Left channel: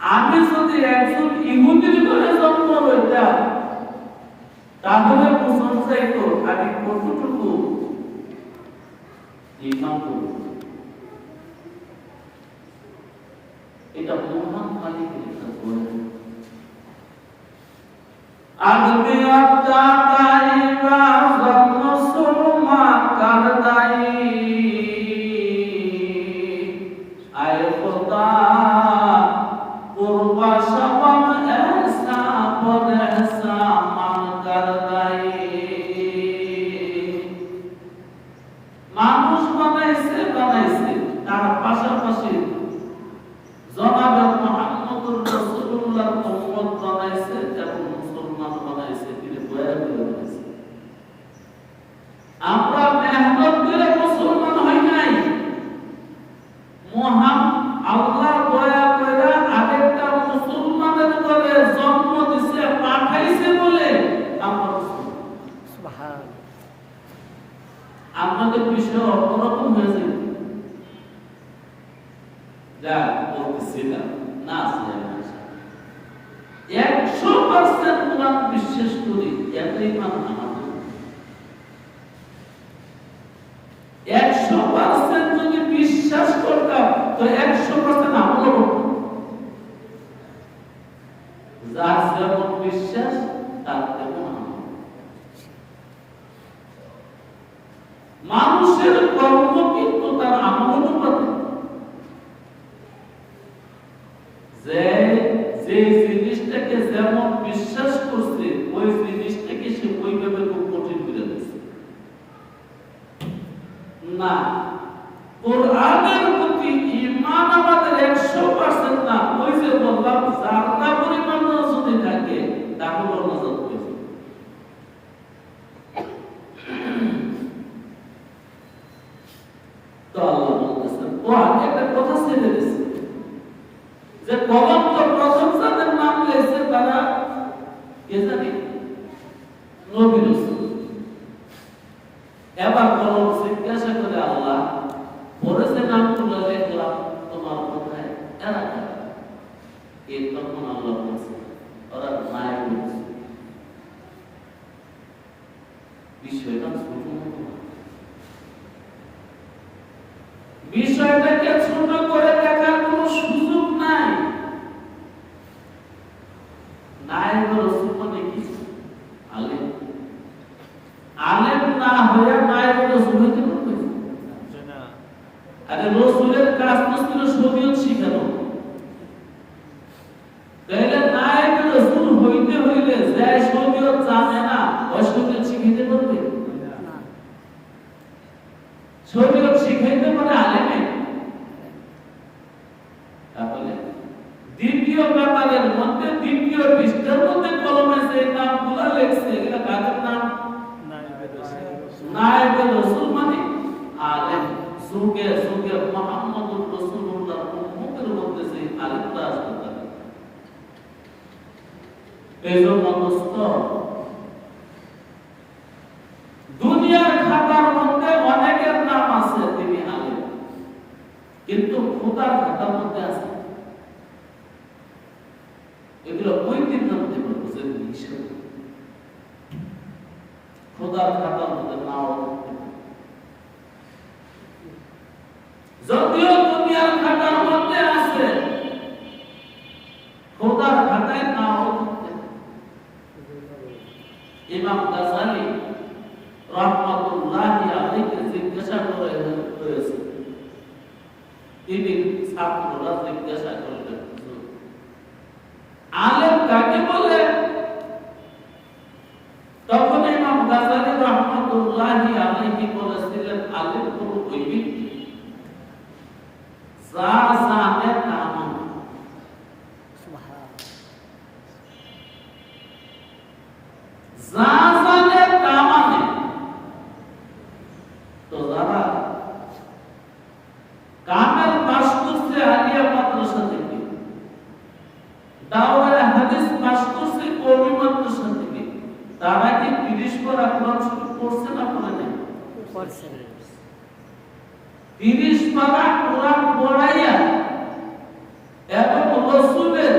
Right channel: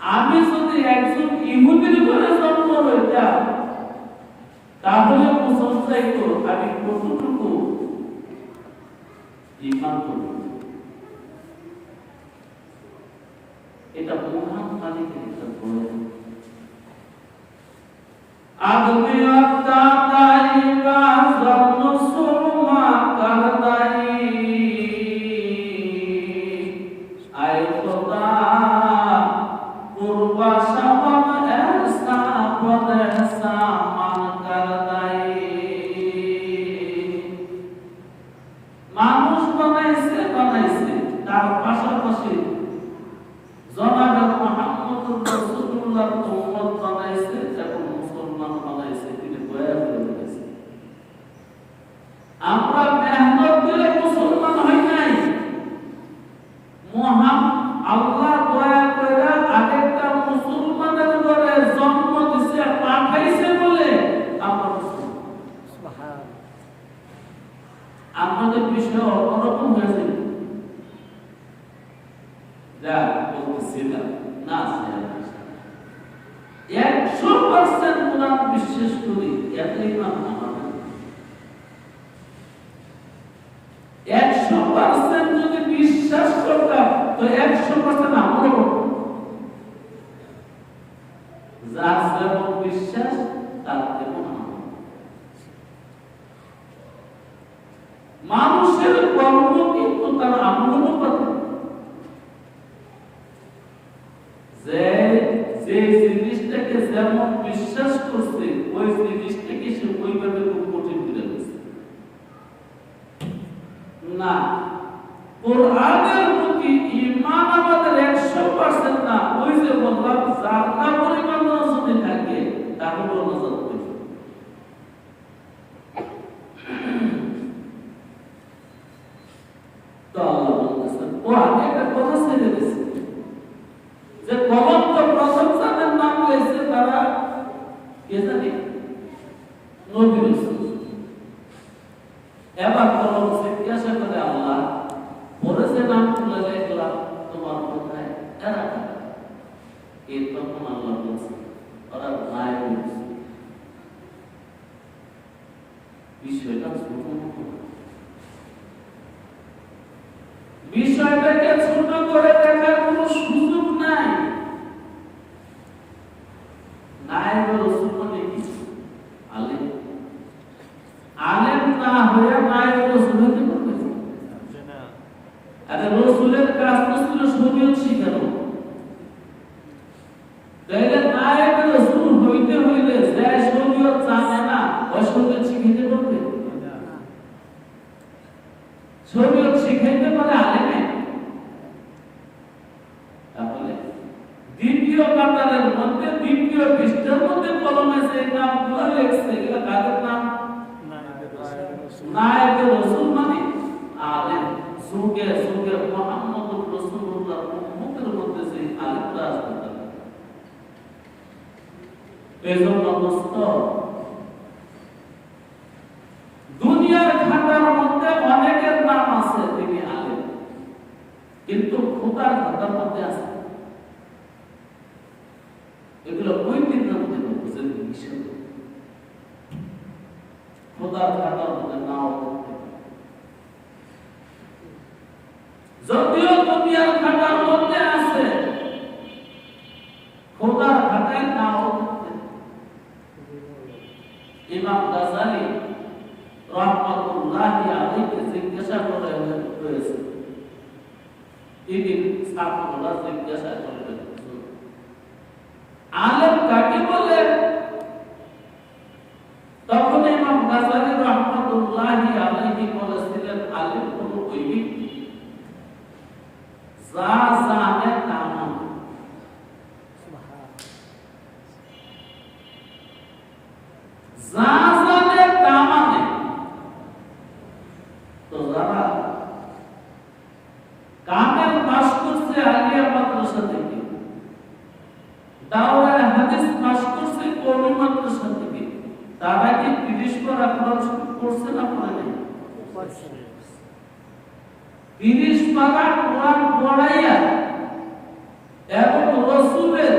আমি যদি একজন ইহুদির ঘরে জন্ম হইতাম তাহলে বুঝতে চাইতো আমি কতটুকু ঈমান করব। এটা মহান মালিকের কাছে আগবে আত্মা তাইবা জন্ম সোমা কারদাই আয় খোদা কুরবা শাবান এহসা বদ এহসা মান কারদাই মানুষ বানাইছে তার পাশাপাশি জনাবে মুহাম্মদুর রাসূলুল্লাহ উম্মত বানাইছে এবং মুসলমান বানাইছে, তিনি দয়া করে বানাইছে। আমরা মেহনত করে মুসলমান হই নাই, মহান আল্লাহ দয়া করে আরেকটা মুসলমানের ঘরে জন্ম দিছে পাঠাইছে বলে আমরা মুসলমান। সুবহানাল্লাহ। আমাদের বিষয় অন্যরকম হয়েছে যা বলতেছিলাম না, 100% কোরআন বিশ্বাস করি, এত ইমান আমাদের 100% যদি বিশ্বাস করতাম তো 100% আমল করতাম। যার যেমন বিশ্বাস তার তেমন আমল। মানুষের কর্ম কিন্তু তার আমল অনুপাতে। যে জিনিসটাকে যেমন বিশ্বাস করছে ওই জিনিসটাকে সে ওইভাবে খুব কঠিন করে দিচ্ছে না। কোরআনের প্রতি ঈমান আমাদের 100% না, ওই যে বললাম জান্না পরিমাণ যদি থাকে তাহলে নাজাত পেয়ে। তো আল্লাহ বলতেছেন ও একটা কথা ছেড়ে দিয়েছে যে কলম তো প্রথম যাদের নাম লেখছে তারা কে জানি নবী রাসূল। এবার কলম জিজ্ঞাসা করে আল্লাহ পরে যে নাম তুলে লিখলাম তোমার কোথায় এরা কারা? এই তখন আল্লাহ বলছে ওরা নাই বলছে। বিষয়টা ছোট মতো, বিষয়টাকে ছোট করে দেখার কোনো সুযোগ নাই। নায়েব রাসূল মানে কি? আলেম। আলেম না হয়ে নায়েব রাসূল হতে পারবে না। আরে রাসূলের কাজ তো ছিল শরীয়ত শিখানো। তাহলে নায়েব রাসূল হইতে হইলে যে শরীয়ত জানে না ওই শরীয়ত শিখাইতে পারবে না। শরীয়ত শিখাইতে পারে আলেমে। তাহলে দ্বিতীয় কাতারের মধ্যে দ্বিতীয় পৃষ্ঠার মধ্যে কলমে যে নামগুলো লেখছে এগুলো কাদের নাম? নায়েবে রাসূল মানে আলেম। যুগে যুগে মুহাম্মদুর রাসূলুল্লাহ উম্মতের মধ্যে যে আলেমরা আসতে এজন্য দোস্ত দুনিয়ার খাতার মধ্যে অনেকের নাম আছে তিনি আলেম, কিন্তু খোদার খাতার মধ্যে আছে এগুলো ওই দিন জানতে পারবো যে হিসাবে খোদার খাতার মধ্যে নাও থাকতে পারে। যদিও দুনিয়ার খাতার মধ্যে আছে খোদার খাতায় নাও থাকতে। ইমাম গাযালি রাহমাতুল্লাহি আলাইহি জিজ্ঞাসা করা হয়েছে, তিনি ছাত্ররা জিজ্ঞাসা করলেন আলেম কাকে বলে? তখন ইমাম গাযালি রাহমাতুল্লাহি আলাইহি বলেছিলেন আলেম হলো ওই ব্যক্তি যা জানে তা মানে। যা জানে তা মানে। তো যারা কামেল পাস করছে আলিয়া মাদ্রাসা থেকে, দাওরায়ে হাদিস পাস করছে কওমি মাদ্রাসা থেকে, তারা কি 30 পারা কোরআন শরীফ পড়ছে না পড়ে নাই? পড়ছে। 30 পারা কোরআন পড়াইয়া এবং রাসূলের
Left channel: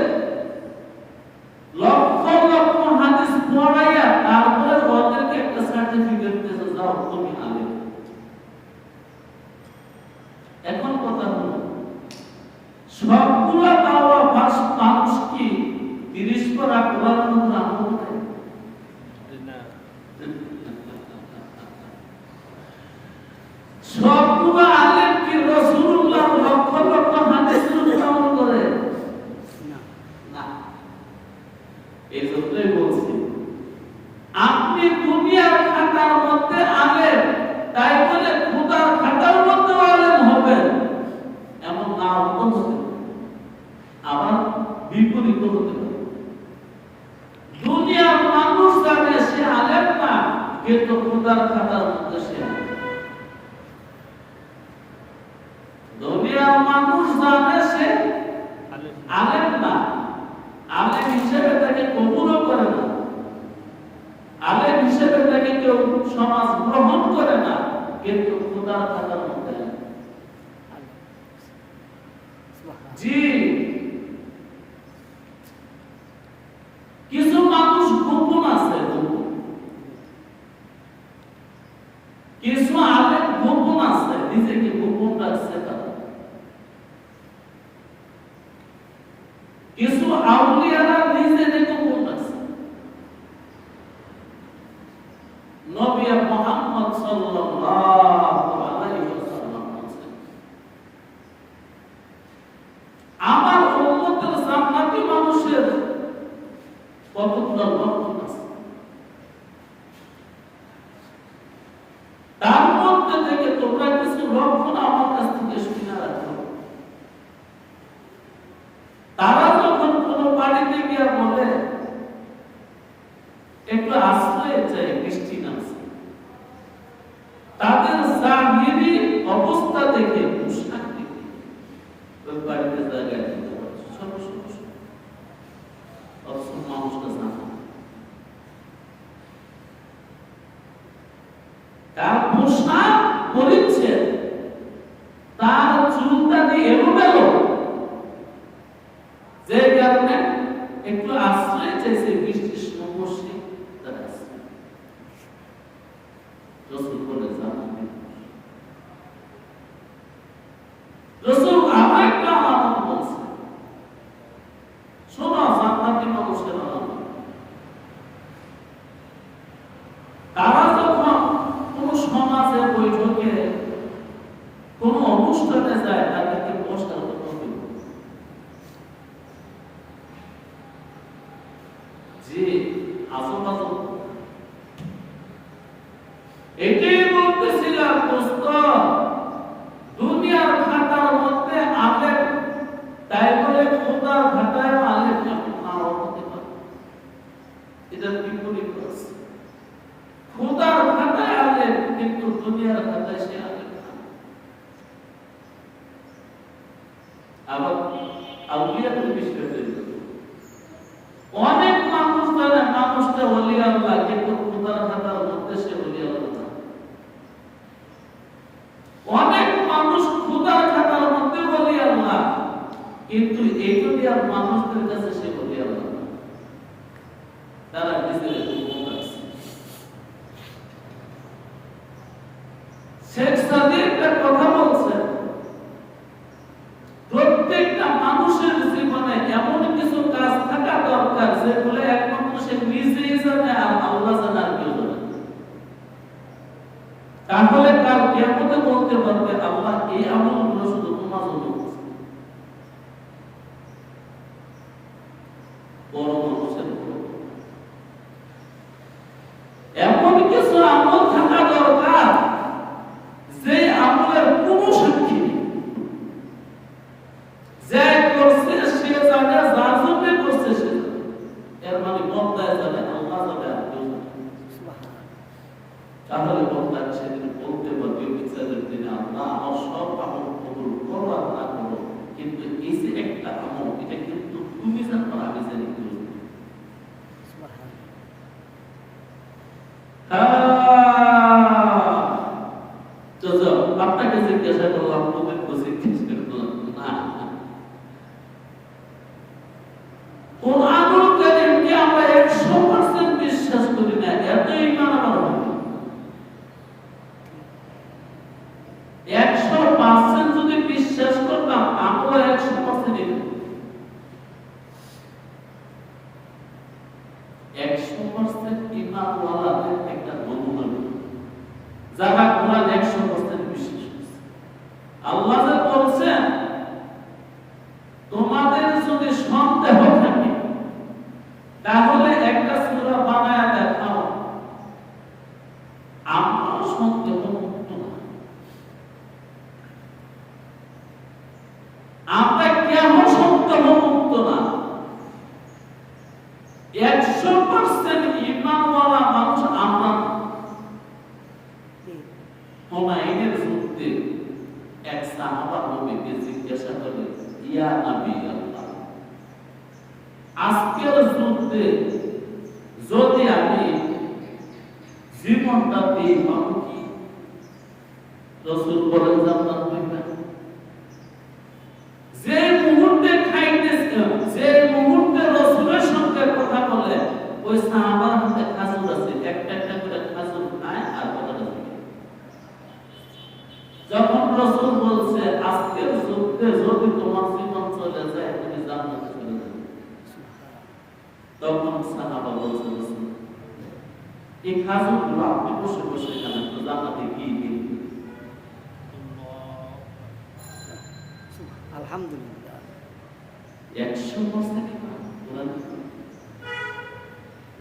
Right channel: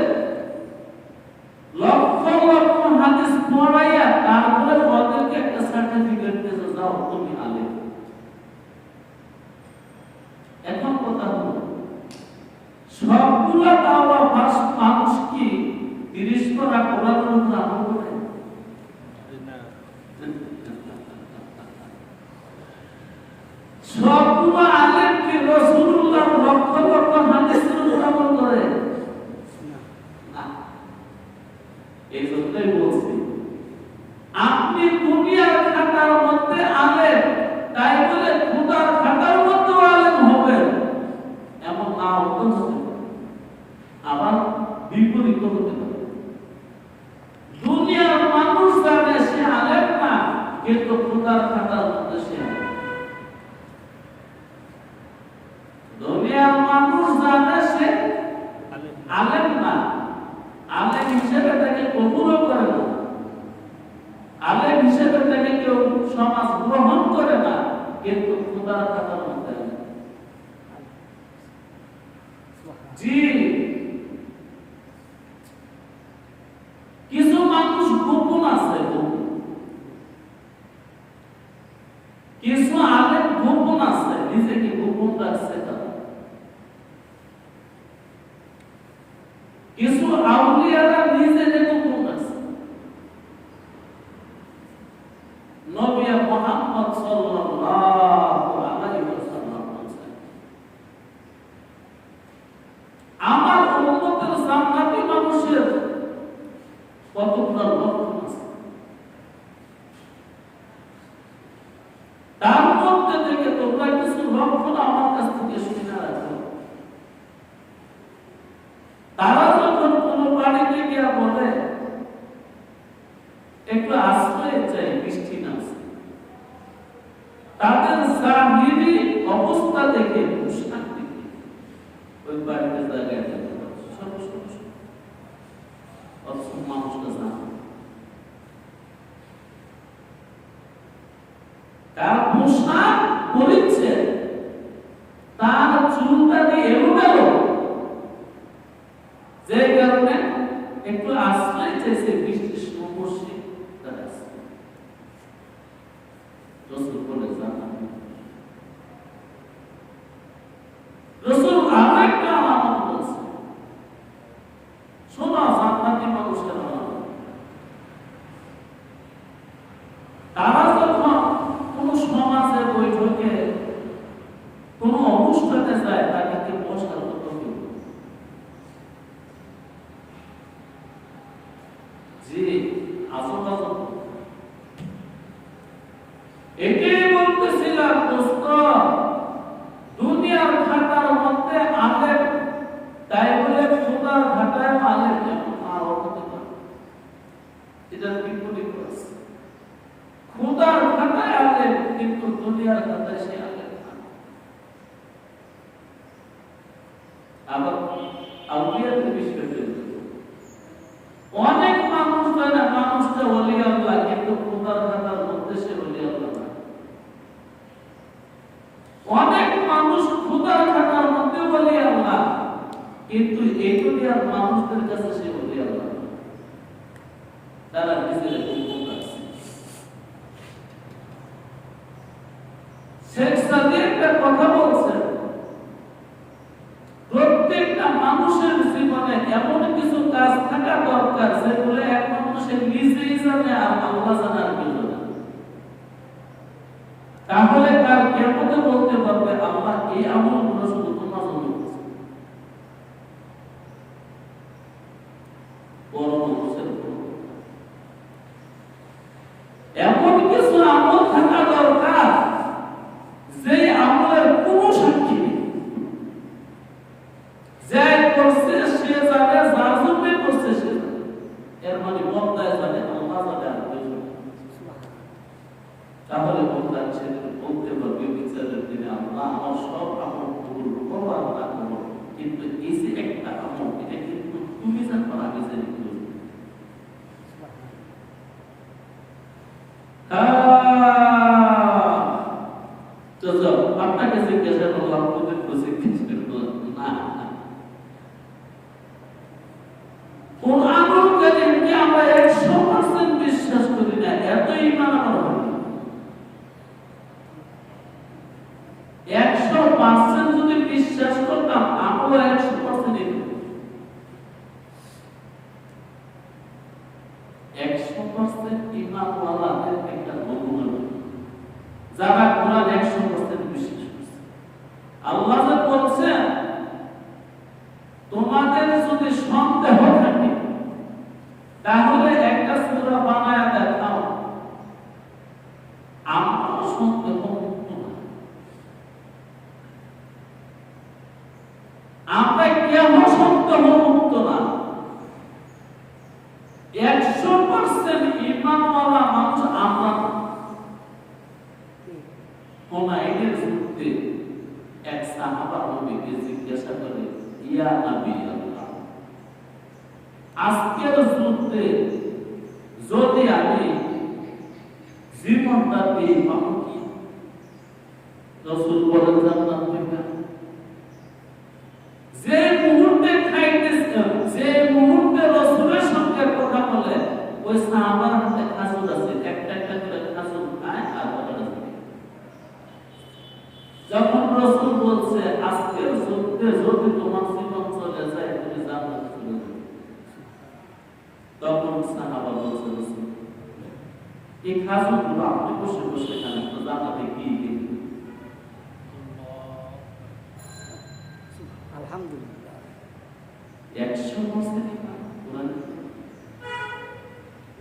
মানুষ আবার বিপরীত হতে পারে। দুনিয়ার মানুষ জানে সে আলেম না, কিন্তু খোদার খাতার মধ্যে সে আলেম। দুনিয়ার মানুষ জানে সে আলেম না, আলেম হিসেবে তাকে কবুলও করে না, আলেম হিসেবে তাকে কেউ সমাজ গ্রহণ করে না, কিন্তু খোদার খাতার মধ্যে আলেম। জি, কিছু মানুষ গোপন আছে, কিছু আলেম গোপন আছে, নিজেকে গোপন রাখছে তারা। কিছু আউলিয়ারা নিজেকে গোপন রাখছে। নবী মুহাম্মদ সাল্লাল্লাহু আলাইহি ওয়াসাল্লাম বলেছেন, আমার উম্মতের জান্নাতি মানুষের কতগুলো লক্ষণ আছে, তার মধ্যে থেকে তোমরা কিছু লক্ষণ আমার কাছ থেকে শুনে রাখো। তারা যখন কোনো বাড়িতে গিয়ে বলে একটু আশ্রয় চাই, বৃষ্টি নামছে, তাদের জাহিরি অবস্থা দেখে, পোশাক দেখে ওই বাড়িতে জায়গায় দিতে পারে ছোট ছোট অবশ্য মানুষটা জানে তার পোশাক পরিচ্ছে, তার চুলদানি এলোমেলো, যে কারণে একটু আশ্রয় চাইছে বৃষ্টির সমস্যা। রসুল বলে জানাবেন, রসুল আরো একটা আলামত বলছে, শোনো জান্নাতি মানুষের আলামত। তারা যখন কোন সমাজে বৈঠকে কোন অনুষ্ঠানে যায়, তাদেরকে বসার কথা বলবে, যে আজেবাজে এটাই বলতেছিলাম দোস্ত, দুনিয়ার খাতার মধ্যে আলেম, তাই বলে খোদার খাতায় আলেম যেমন নাও হতে পারে, এটার বিপরীত আছে। খোদার খাতায় আলেম, কিন্তু দুনিয়ার খাতায় সে আলেম না। আবার আউলিয়াদের বিষয়ে অনেক মানুষ জানে মানুষটা ওলি আল্লাহ, কিন্তু খোদার খাতার মধ্যে সে ওলি আল্লাহ না। অনেক মানুষ খোদার খাতার মধ্যে ওলি আল্লাহ, কিন্তু এই দুনিয়ার মানুষদের কাছে সে ওলি আল্লাহ। তারা নিজের গোপন আছে। শেখ সাদিক এর কথা বলছে, প্রত্যেকটা মানুষের জীবনে এমন কিছু কাজ থাকা দরকার যেগুলো একমাত্র সে নিজেই জানে আর আল্লাহ জানে, আর কেউ জানে। তাহলে কার কিয়ামতে বলতে পারবে আল্লাহ এই আমলগুলো শুধু তোমার জন্য করছে। বড় মানুষের উপর এমন কিছু আমল থাকা দরকার যে আমলের কোনো সাক্ষী নেই, যে করছে সে জানে, যার জন্য করছে সে জানে, এর মানে বন্দায় জানে, আল্লাহ জানে, আর কেউ জানে। তাহলে বন্দা সেদিন বলতে পারবে বিচারের দিনে, আল্লাহ আমার সব আমল কবুল করো আর না করো, কিন্তু এই যে একটা আমল, এটা কিন্তু তুমি জানো, আমি জানি কি। আপনাকে জিজ্ঞাসা করলাম, পবিত্র জিজ্ঞাসা করলাম না, কোরআনুল কারীমকে আমরা 100% বিশ্বাস করি না, এত ঈমান আমার হয় 100% ইয়া নবী আল্লাহ, আজকের যুদ্ধে যদি আমি জীবনটা দিই পাবো কি? রাসূল বলেন জান্নাত পাইবে। যে মুহূর্তে খাইতেছেন, যে মুহূর্তে রাসূলের সঙ্গে কথা বলে, ওই সাহাবার হাতে খাজুর আছে, একটা একটা করে খাজুর খায় আর কথাটা থাকে। যখন রাসূল বলছে আজকের যুদ্ধে যদি তোমার জীবন চলে যায় তুমি জান্নাত চলে যাবে, তখন সাহাবা বলছে এই খাজুরগুলো আপনি বসে বসে খান, তো জান্নাতে কি কিনবেন? আলহামদুলিল্লাহ 100%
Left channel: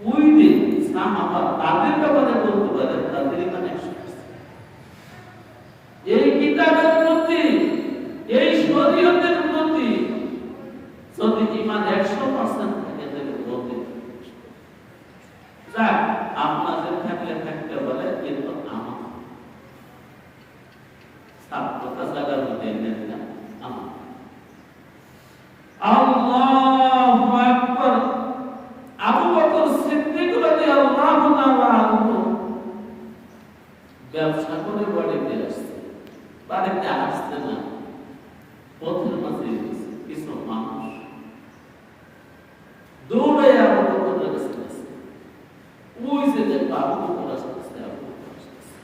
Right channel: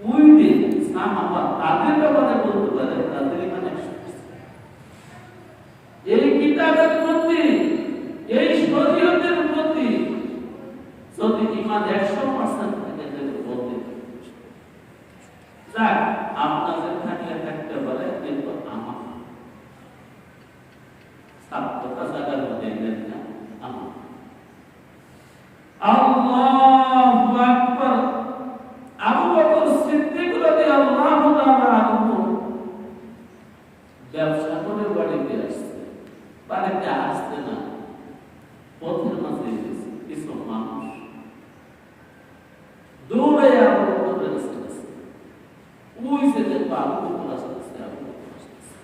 ওই দিন সাহাবা তাদের ব্যাপারে বলতে পারে তাদের ইমান 100%। এই কিতাবের প্রতি, এই শরীয়তের প্রতি যদি ইমান 100% থাকে তাহলে বলতে যাক আপনাদের থাকলে থাকতে পারে, কিন্তু আমার সাতটা জায়গার মধ্যে নেন না আমার। আল্লাহু আকবার। আবু বকর সিদ্দিক রাদিয়াল্লাহু তাআলা আনহু ব্যবসা করে বাড়িতে আসছে, বাড়িতে আসতে না পথের মাঝে কিছু মানুষ দৌড়ে আবু বকরের কাছে গেছে। ওই যে দেখো আবু বকর আসতেছে, আবু বকর আসতেছে,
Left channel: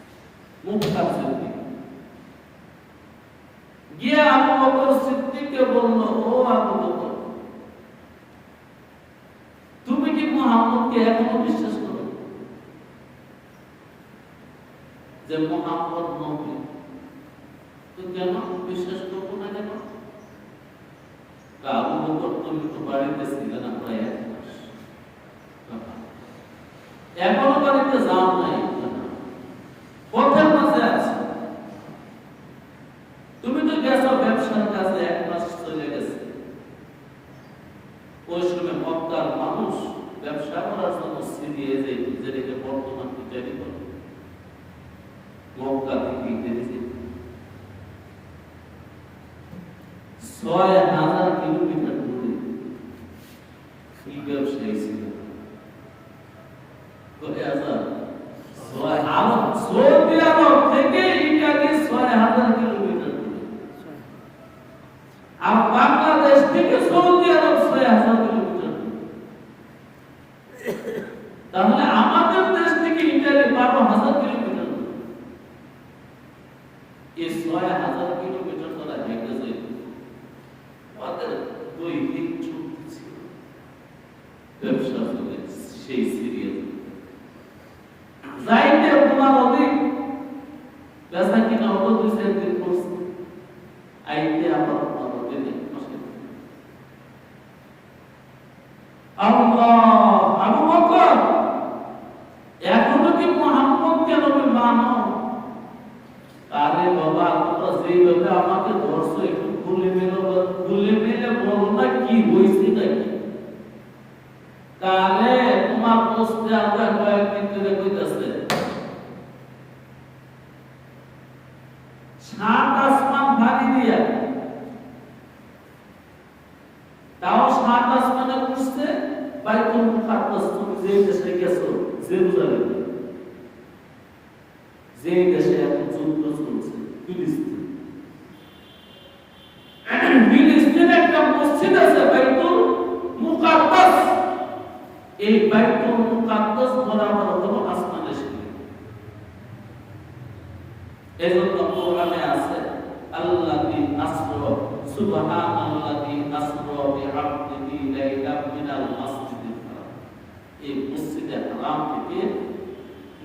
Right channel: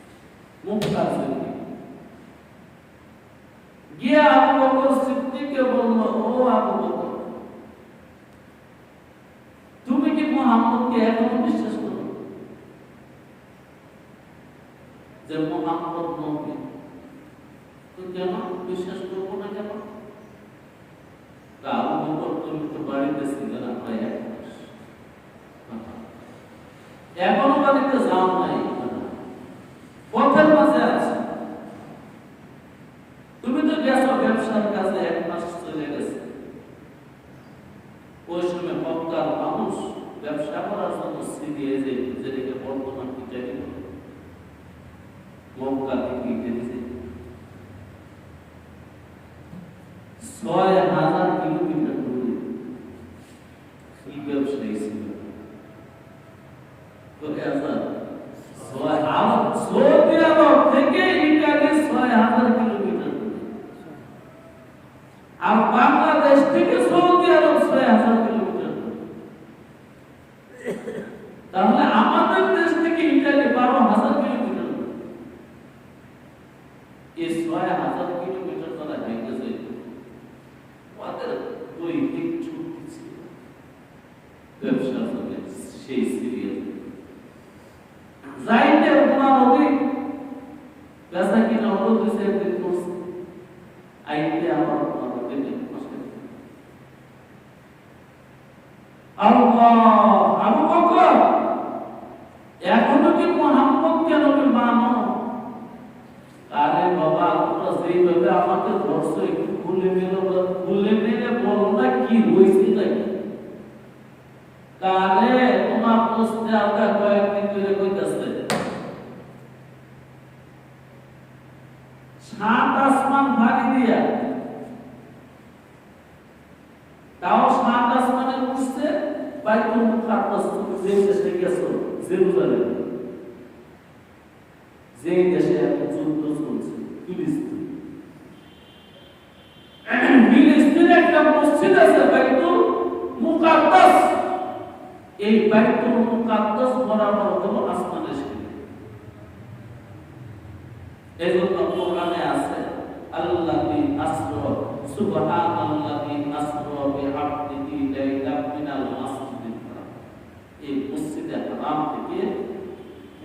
মুখটা সিদ্দিক গিয়ে আবু বকর সিদ্দিককে বলল, ও আবু বকর, তুমি কি মুহাম্মদকে এখনো বিশ্বাস করো যে মুহাম্মদ নবী? তো কেন বিশ্বাস করবো না কেন? আবু বকর তুমি তো বাড়িতে ছিলে না প্রায় 1 মাস, এখনো বাড়িতে যাও নাই, পথের মাঝে আছে। তুমি তো গেছো ব্যবসার কাজে, 1 মাস চলে গেছে। ওই সময় মক্কার মানুষ ব্যবসা করার জন্য সিরিয়ে যেত, যেটাকে বর্তমান ইত্যাদি বলে, মক্কা থেকে ইত্যাদি যেত 6000 কিলোমিটার দূরে। কি ব্যবসায়ী ছিল? সৌদি আরব থেকে ইটালি 6000 কিলোমিটার দূরে, আর বাংলাদেশ থেকে সৌদি আরব 6000 কিলোমিটার দূরে। তাহলে আমাদের দেশ থেকে ইটালি 12,000 কিলোমিটার দূরে। এই 6000 কিলোমিটার তারা হেঁটে যেত। ওদের দৈনিক ছুটি ছিল ব্যবসা করে সেই সিরিয়াল যাইতে তোমার অধিক বেচা কিনা হতো 2-4 দিন করছে, আইতে আমার আবু বকর এখনো কি মুহাম্মদকে নবী মানো? আরে বাবা, তোমরা যেইভাবে আমাকে ধরছো একটু খুলে মেলে বলো না কি হয়েছে নাকি? কালে তোমার পোস্টে আমরা কয়েকদিন ধরে কইতাছে 7 আসমান ভারী দিয়া, তাও 7 আসমানে উঠছে বাইতুল মুকাদ্দাস। তুমি যে দেশে গেছো জেরুজালেম, যে দেশে এখন যুদ্ধ চলছে ফিলিস্তিন, ফিলিস্তিনে একটা মসজিদ আছে বাইতুল মুকাদ্দাস। এই বাইতুল মুকাদ্দাস বরাবর হলো আসমানের সিঁড়ি। এজন্য কোরআনে আছে আল্লাযী আসরা সুবহানাল্লাযী আসরা বিআবদিহি লাইলাম মিনাল মাসজিদিল হারাম। এই মসজিদে হারাম থেকে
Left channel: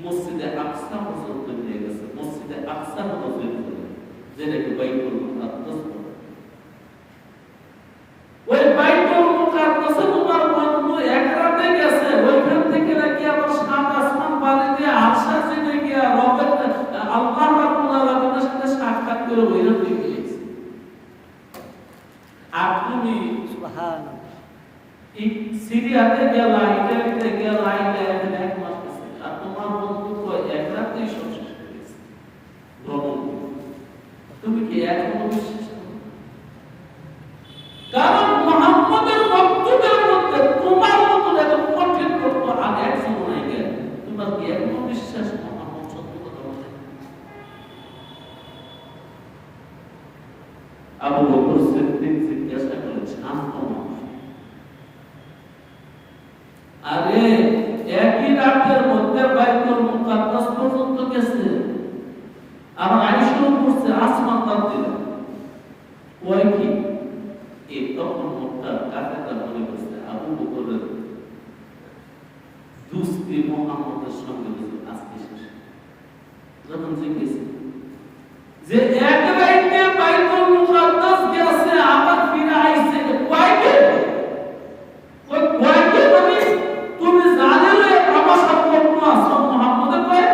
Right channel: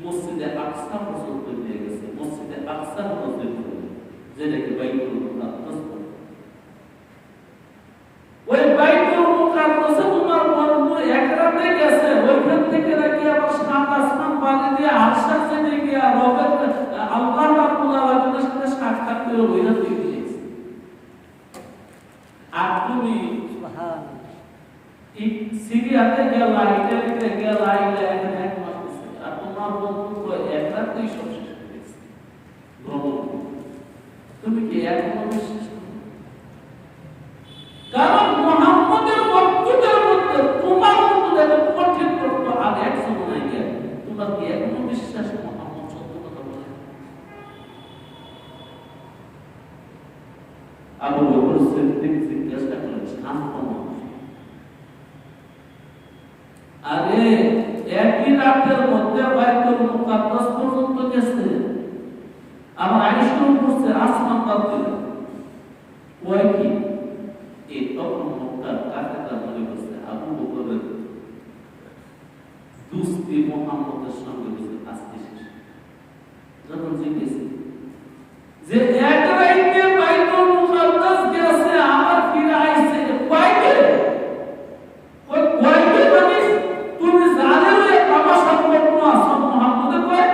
মসজিদে আকসা পর্যন্ত নিয়ে গেছে। মসজিদে আকসা হলো জেরুজালেম, যেটাকে বাইতুল মুকাদ্দাস বলে। ওই বাইতুল মুকাদ্দাসে তোমার বন্ধু এক রাতে গেছে, ওইখান থেকে নাকি আবার 7 আসমান পানি দিয়ে আরশা চেয়ে গিয়া রবের আল্লাহ রাব্বুল আলামিনের সাথে সাক্ষাৎ করে ওইরা দিয়ে গিয়েছে। আর তুমি সিরিয়াতে গেলা, ইটালিতে গেলা, এখানে 1 মাস গেছে, আর তোমার বন্ধু এক রাতেই সব শেষ হয়ে গেছে ভ্রমণ। তুমি কি এখনো বিশ্বাস করো? সংবাদ দিলেন কয় কি এই তখন মক্কার কাফেররা মনে করছে আবু বকরের দুস্তি মুহাম্মদের সঙ্গে আজকে শেষ। যখন জিজ্ঞেস যে এক রাইতে বাইতুল মুকাদ্দাস গেছে আবার ফিরে আইছে কয়কে ওই কয়কে মানে তুমি জানেলে তামাশা করতে আসো মুহাম্মদে কয়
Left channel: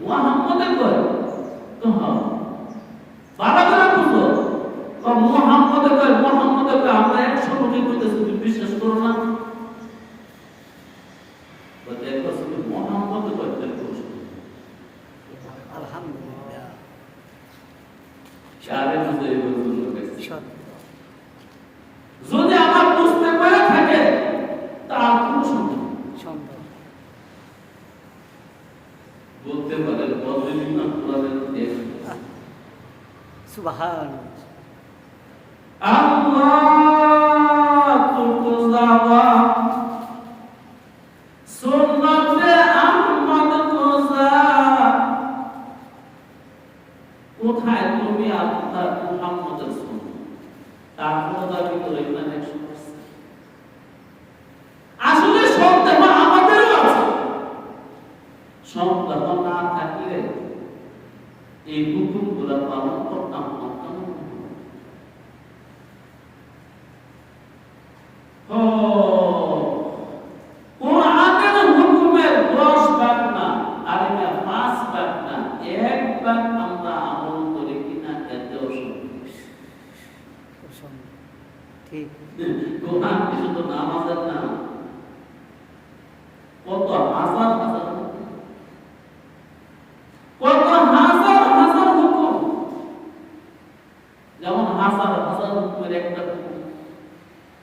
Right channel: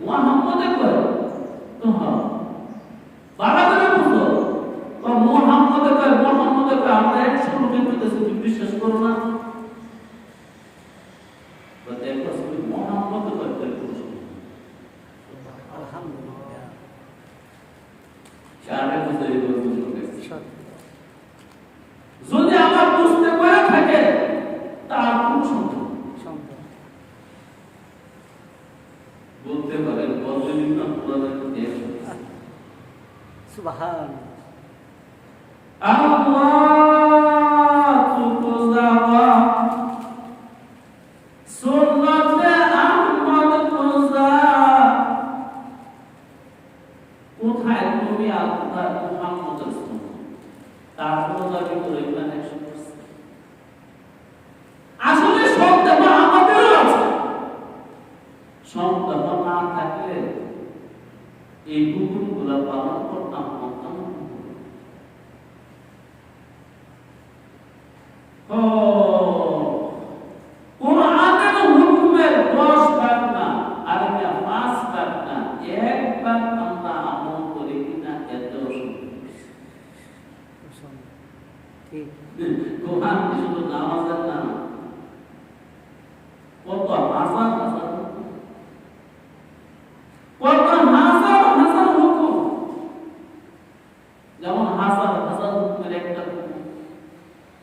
মুহাম্মদে কয় তো হ্যাঁ বারাদারা বুঝো ও মুহাম্মদে কয় আমরা 100 লোকে কইতেছি তুমি বিশ্বাস করো না বলে দেখো তুমি মুহাম্মদে কয় করছো আলহামদুলিল্লাহ শারে বুঝে বলছো যদি আমার বুঝতে পারে থাকে তার কোন সন্দেহ বলতে পারে বললেন না কোরআনের দেশ সুবহান আল্লাহ তুকুজাওয়া সুন্নাতে আহমদ কোজা কোথায় তুমি আল্লাহ মুহাম্মদের সুন্নাত তার দাবি করে ইমান 100% আসলে সন্দেহ আমাদেরও আছে সন্দেহ না থাকলে এই হুকুমগুলো পালন করতাম না কোরআনের হুকুমের 10 ভাগ না আর এটা 5 ভাগ না 1 ভাগ আমরা আমল করি কিনা এতেও ঠিক কোরআন কি শুধু নামাজের না কত হাজার হাজার হুকুম যেমন হাজার হাজার হুকুমের একটা হুকুম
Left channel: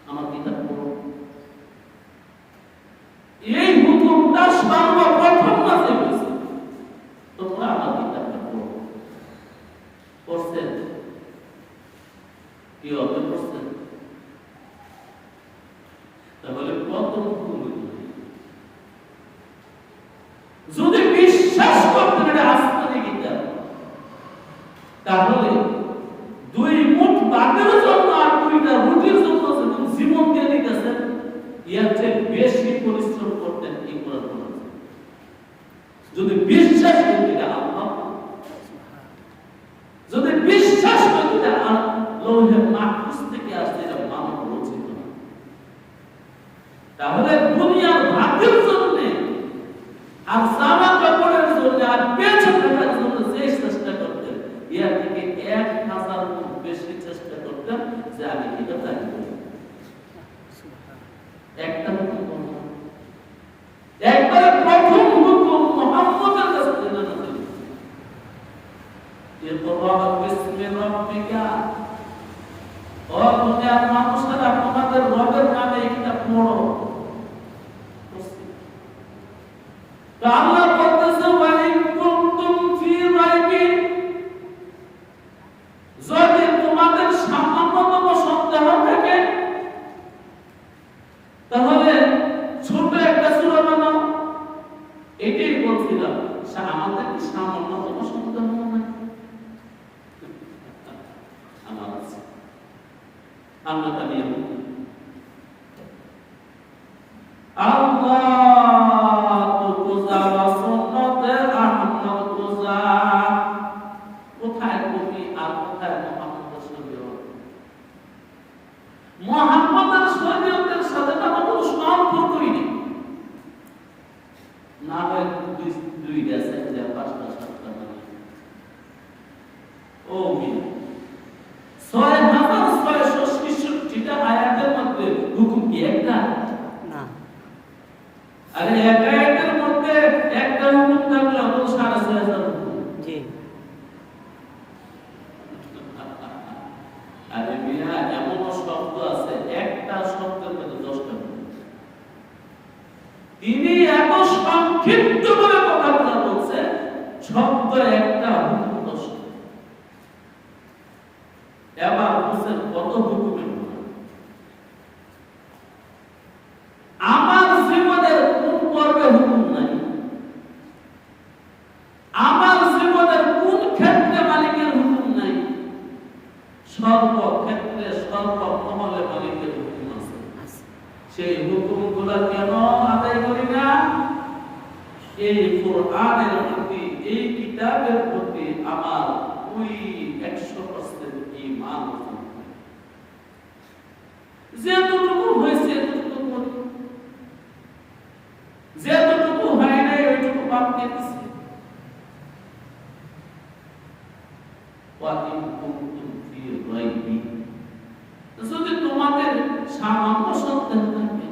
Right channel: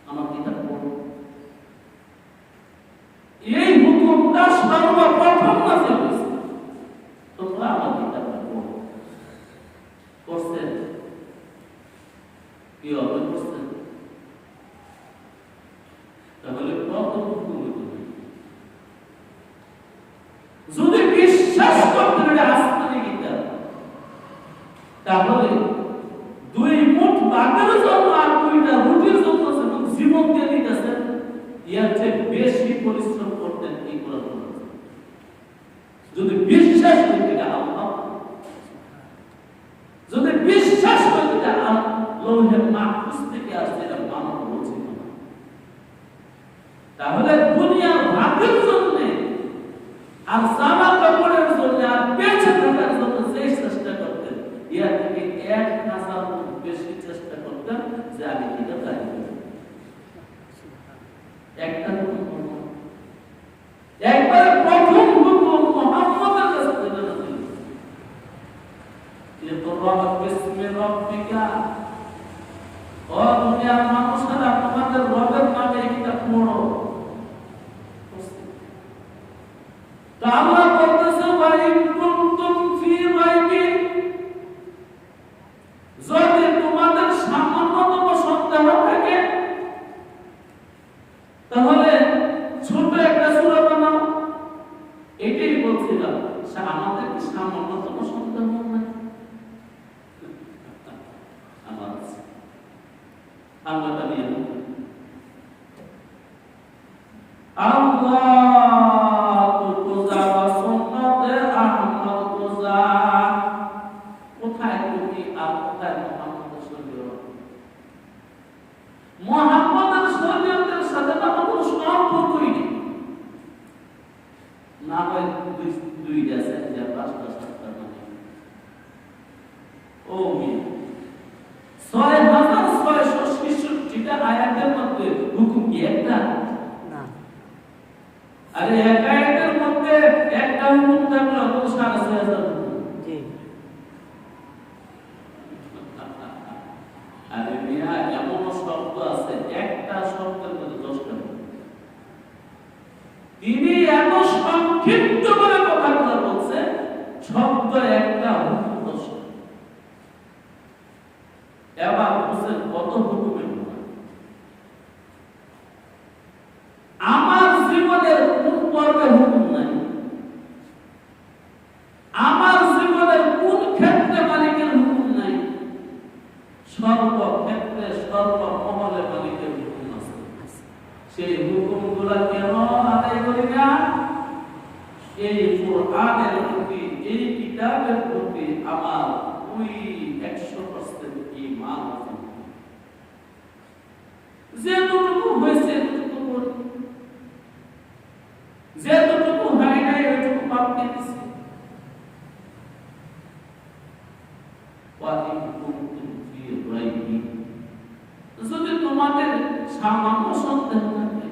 আমার কিতাব পড়ো এই হুকুমটা সর্বপ্রথম নাযিল হয়েছে তোমরা আমার কিতাবটা পড়ো পড়ছেন কি হবে পড়ছেন তাহলে কত হুকুম যদি বিশ্বাস করতে পারে আসমানি কিতাব তাহলে 2 মুঠ ভাতের জন্য আর 2টা রুটির জন্য জীবন দিয়ে দিতেছেন এর চেয়ে বেশি পরিশ্রম করতেন এই কোরআন যদি বিশ্বাস করতে আল্লাহ যদি বিশ্বাস করতে লৌহে মাহফুজ থেকে আসছে এটা মানব বলছে তাহলে দুনিয়ার ভাতের জন্য আর জামা কাপড়ের জন্য আর বেঁচে থাকার জন্য যে চেষ্টা করতেন এর থেকে 1000 গুণ বেশি চেষ্টা করতেন যে আমি কিটা তাই একটা হুকুম একবার প্রথম হুকুম মুহাম্মদের কাছে জানা ছিল ইকরা বিসমি রাব্বিকা ও দুনিয়ার মানুষেরা তোমাদের রবের নামে এটা পড়ো আল্লাহ বলতেছে ওয়া ইন কুনতুম ফি রাইবিন যদি তোমাদের সামান্যতম সন্দেহ থাকে তাহলে ছোট একটা সূরা বানাও এটাই বলছিলাম আমাদের কি সামান্যতম সন্দেহ নাই আমার আছে আল্লাহ তাআলা আল্লাহ মুহাম্মদের শরীয়তের সাথে আমার কোনো সম্পর্কই নেই না হয় দুই আছে যে 5টা 7টা মানে ও মিয়া 6666টা আয়াতের মধ্যে হুকুম কি একটা না আরে এক আয়াতের মধ্যে একটা হুকুম থাকলে ওর 6500 হুকুম জি আরে মিয়া এমন শব্দ আছে একটা শব্দের মধ্যে 10টা তিনি এত সংক্ষিপ্ত করে কথাটা বলছে শব্দ একটা হুকুম 10টা এবার বলছেন কত হুকুমের আমার জীবনের কোন পর্বে হুকুম নাই আমার জীবনের কোন ক্ষেত্রে মালিকের হুকুম কোরআনের প্রতি, এই কিতাবের প্রতি আমার ওই 100% ঈমান আছে। যেটুকু হয়েছে এতটুকু করি, যেটুকু হয় নাই ওইটুকু বাদ দিয়ে দিছি। যদি তোমাদের সামান্য সন্দেহ থাকে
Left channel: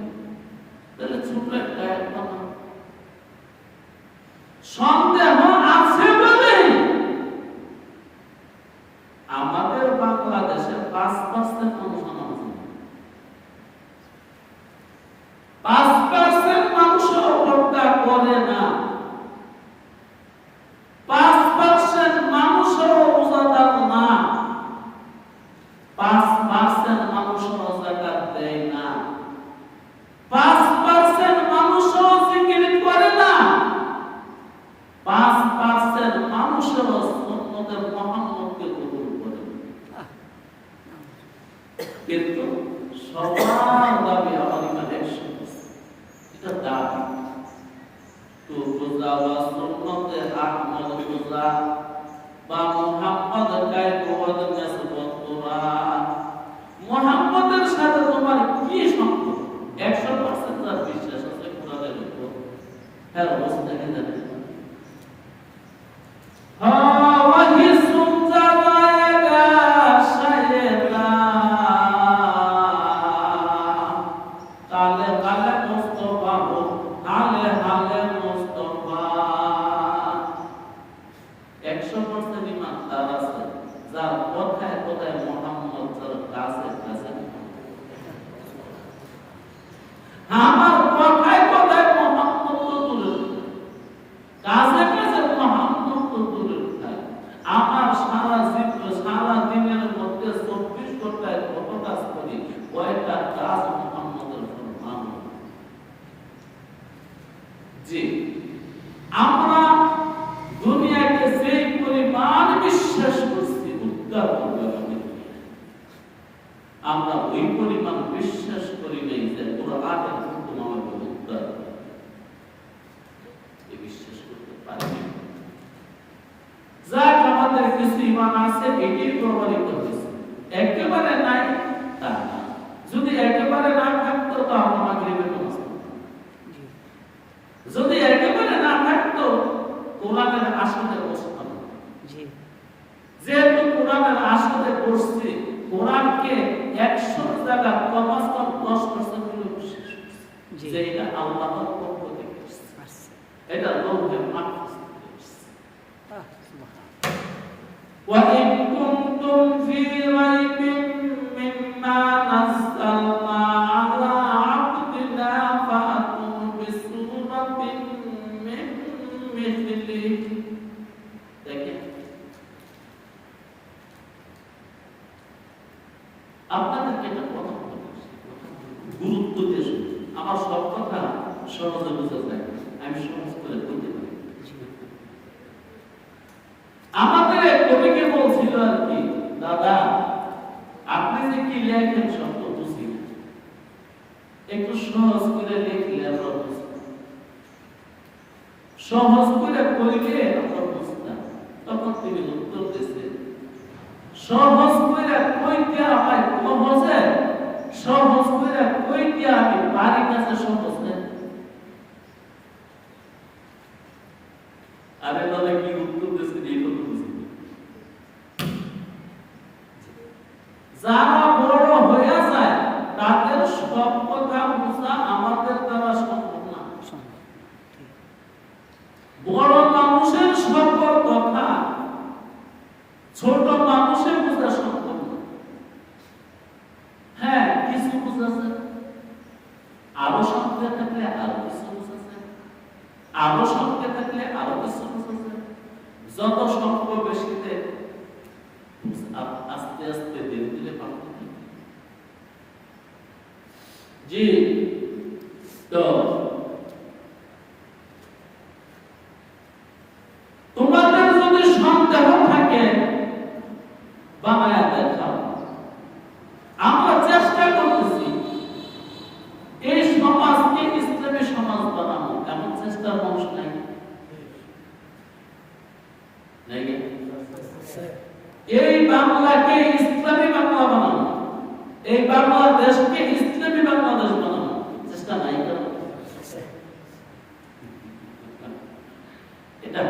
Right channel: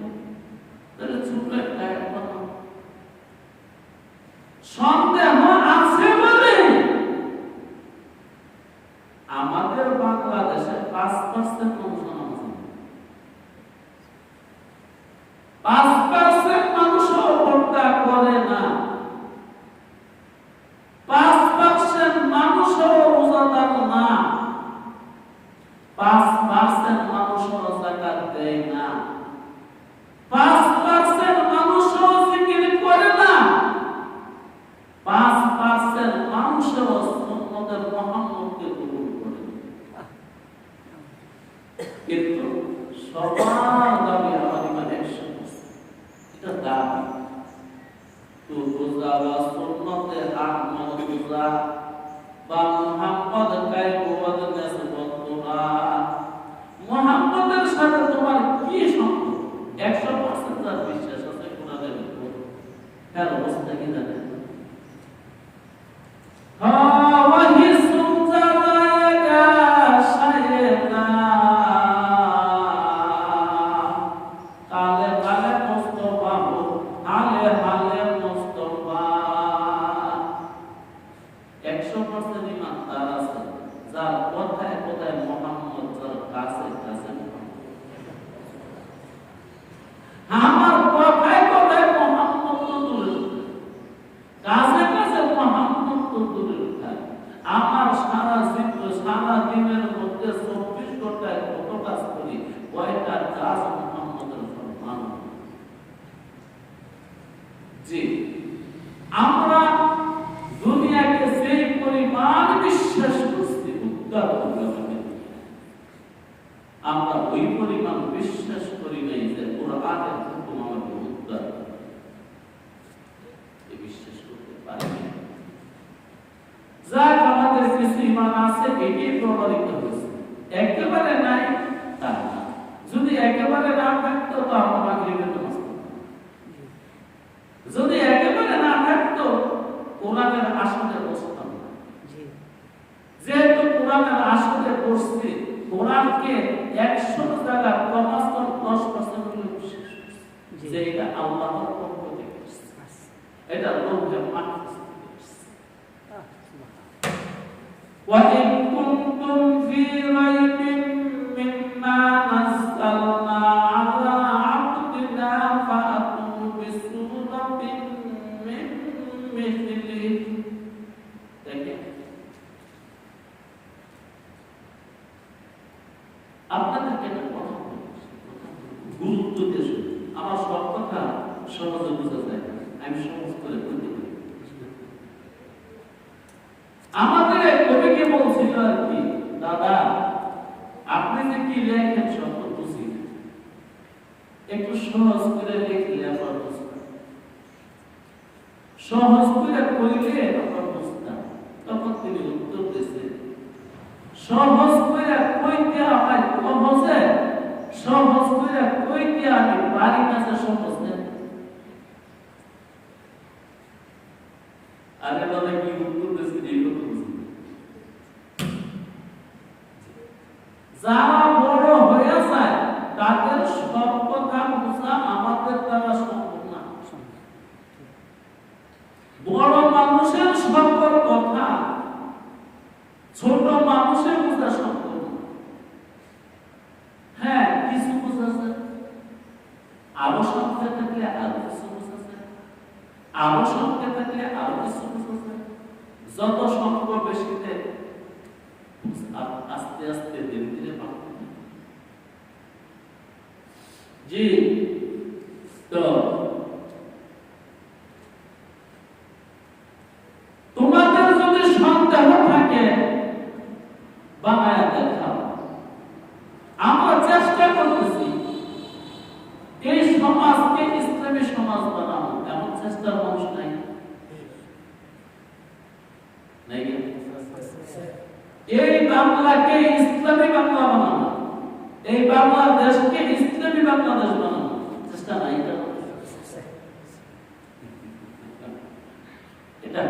তাহলে ছোট একটা সন্দেহ আছে বলে আমাদের বাংলাদেশে 5% মানুষ নামাজ পড়ে। 5% মানুষও পর্দা করে না। 5% মানুষও রোজাদার না। 5% মানুষও যাকাত দেয় না। 5% মানুষও জিকির করে না। 5% মানুষও সুন্নতে মুহাম্মদকে কবুল করে না। কিন্তু সবার দাবি আমার ইমান 100%। এটা দাবি। তো রোজা বা সুন্নতে আমল রোজা বা মুহাম্মদ কায়ফাত নাসবতুরা, মুহাম্মদের সাথে তোমার কি সম্পর্ক? 100% তার বিশ্বাস আছে কোরআনের উপর। হ্যাঁ, অবস্থা কি জানেন? আমরা দুনিয়াকে যে পরিমাণ বিশ্বাস করছি উদ্ধার করবে, আমরা ওই পরিমাণ বিশ্বাস করি নাই যে কোরআনের হুকুম আমাকে উদ্ধার করবে। এই বিশ্বাস করতে পারি না। যাক, আমাদের কিছু ঈমান আছে, এটাই প্রমাণিত হয়েছে। একেবারে নাই তা না। যদি একেবারে না থাকতো তাহলে মাগরিবের নামাজ পড়তাম। যদি একেবারে না থাকতো কোরআনের আসলে বসতাম। যেহেতু কোরআনের আসলে বসছি, কোরআনকে 100 জায়গা কমাস কম 10% হলে বিশ্বাস করছি যে এটা আল্লাহর পক্ষ থেকে এসেছে, এটা লৌহে মাহফুজ থেকে এসেছে। ওয়া ইন কুনতুম ফি রাইবিন মিম্মা নাযালনা আলা আবদিনা ফাতু বিসূরাতিন মিন মিথলিহি। দেখেন, আপনাদেরকে একটা কথা গুরুত্ব দিয়ে শুনুন। আমার সব কথা সহজে বোঝা যায়, আমি সহজ করে বলতে পারি। আমাদের কবিকে বলছিল আর কি, দাদা আপনি যে কি লেখেন সব তো বুঝি না, একটু সহজ করে লিখলে আমরা বুঝতাম, সহজ করে কইলে আমরা বুঝতাম। তখন তিনি উত্তর দিয়েছে, সহজ করে কইতে আমায় সহজে, সহজ করে কইতে আমি পারি না, যে সহজ না। আরে দাদা কি উত্তর দিয়েছে এইগুলো বুঝি। যারা বড় হয়ে যায় তাদের সব কথা বোঝা আমাদের দ্বারা সম্ভব না। বড় মানুষের সকল কথা ছোট মানুষের বোঝা সম্ভব না। হ্যাঁ, কিছু বোঝা যায়, আরো সংখ্যা থাকলে আরো কিছু বোঝা যায়, আরো সংখ্যা থাকলে আরো কিছু বোঝা যায়। যত সংখ্যা বেশিতে আস্তে আস্তে ধীরে ধীরে বাড়তে থাকে। জি, তো তোমাদের যদি সন্দেহ থাকে বাংলায় দেখাও। আমরা চেষ্টা করতেছি এই সমাজকে ইসলামী সমাজ বানানো, এমন চেষ্টার অংশ নাই। বাংলাকে ইসলামী বাংলা বানানো, এই বাংলাদেশকে ইসলামী বাংলাদেশ বানানো চেষ্টা নাই কেন? এটা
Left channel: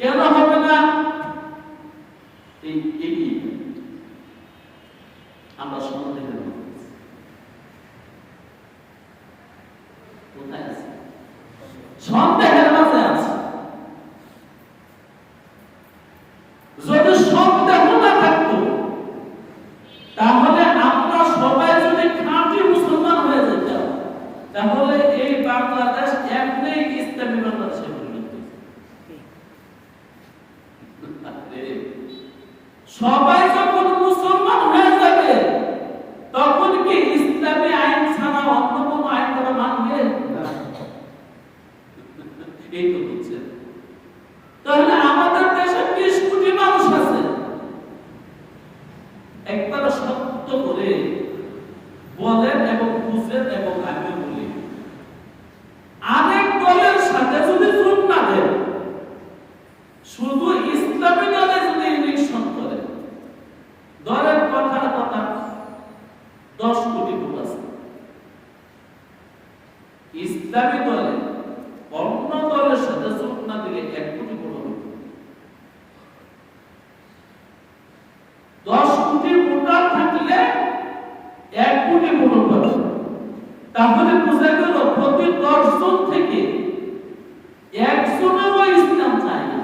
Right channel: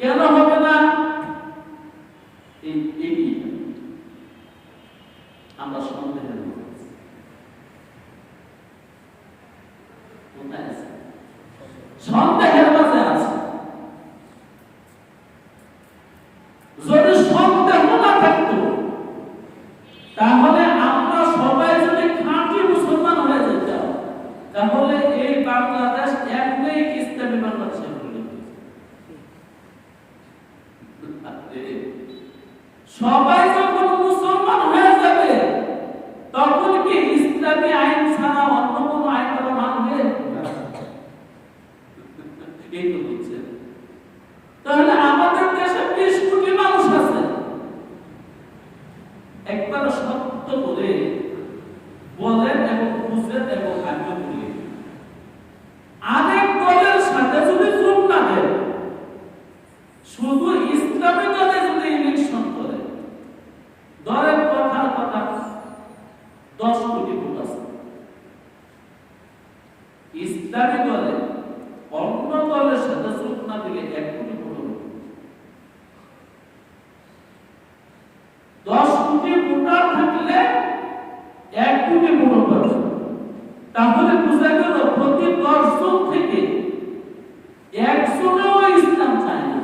কেন হবে না? আমরা সন্দেহ সন্দেহের মাঝে আছে। যদি সন্দেহ না থাকতো তাহলে আমরা সবাই যদি খাঁটি মুসলমান হয়ে যেতাম, তাহলে এই বাংলাদেশ এমনি ইসলামী বাংলাদেশে পরিণত হয়েছে। সবাই যখন মুসলমান হয়ে যাবে তখন কি ইসলামী আইন ছাড়া অন্য কোনো আইন তারা মানবে? এই তো হচ্ছে। তাহলে আমাদের দেশে 20 কোটি মানুষ আছে, একবার সত্য করে বলেন এবং বুঝেন এবং আমিও বলি, আরেক দলের সাথে যদি যোগ না দেন, শুধু ইসলামী দলে যদি ইলেকশন করে, দলের কথা 10 কোটি ভোট আছে, ইসলামী দলে অন্য দলের সাথে যোগ না দিলে 1 কোটি ভোট হবে। 10 কোটি ভোটার থাকলে 1 কোটি ভোট হবে। তাহলে বোঝা গেল প্রতি 10 জন থেকে 1 জনও ইসলাম চায় না।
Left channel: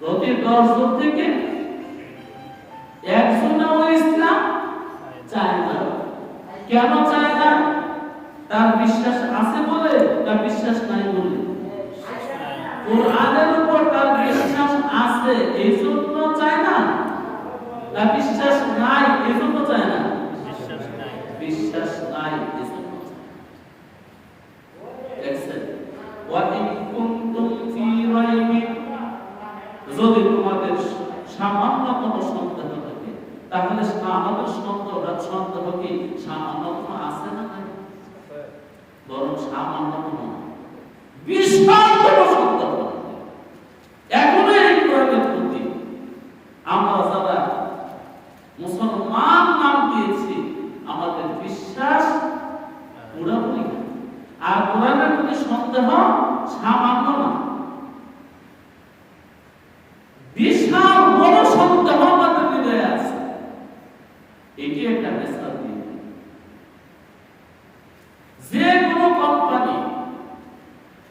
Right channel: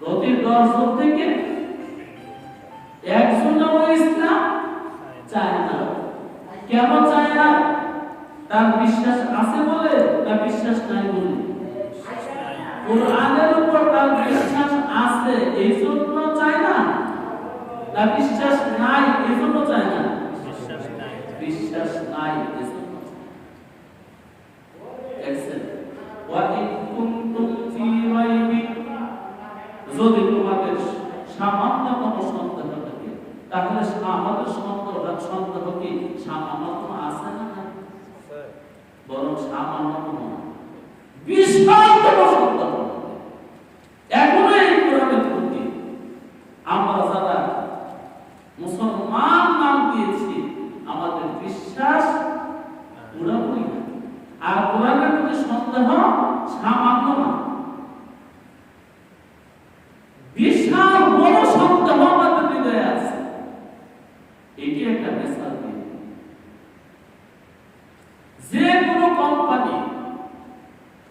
প্রতি 10 জন থেকে 1 জনও ইসলাম চায় না। কেন চায় না? তার বিশ্বাস আছে বলে, তার বিশ্বাস নাই বলে। কোরআনের উপর তার বিশ্বাস আছে এই জন্য চায় না, তার বিশ্বাস নাই এই জন্য চায় না, বিশ্বাস নাই এই জন্য। যদি তোমাদের সামান্যতম সন্দেহ থাকে, তাহলে আমাদের সন্দেহ কি সামান্যতম আছে না? বরং সামান্যতম বিশালতম সন্দেহ। এখনো এই কোরআনের প্রতি আমরা যারা মুসলমান নাম দিয়েছি, আমাদের বিশ্বাস পুরোপুরি, আর কোরআনের প্রতি সন্দেহ সামান্য না, বিশাল বড় সন্দেহ আমাদের হৃদয়ে আছে। এটি একটা মেসাল দিয়ে যে কোনো কোম্পানি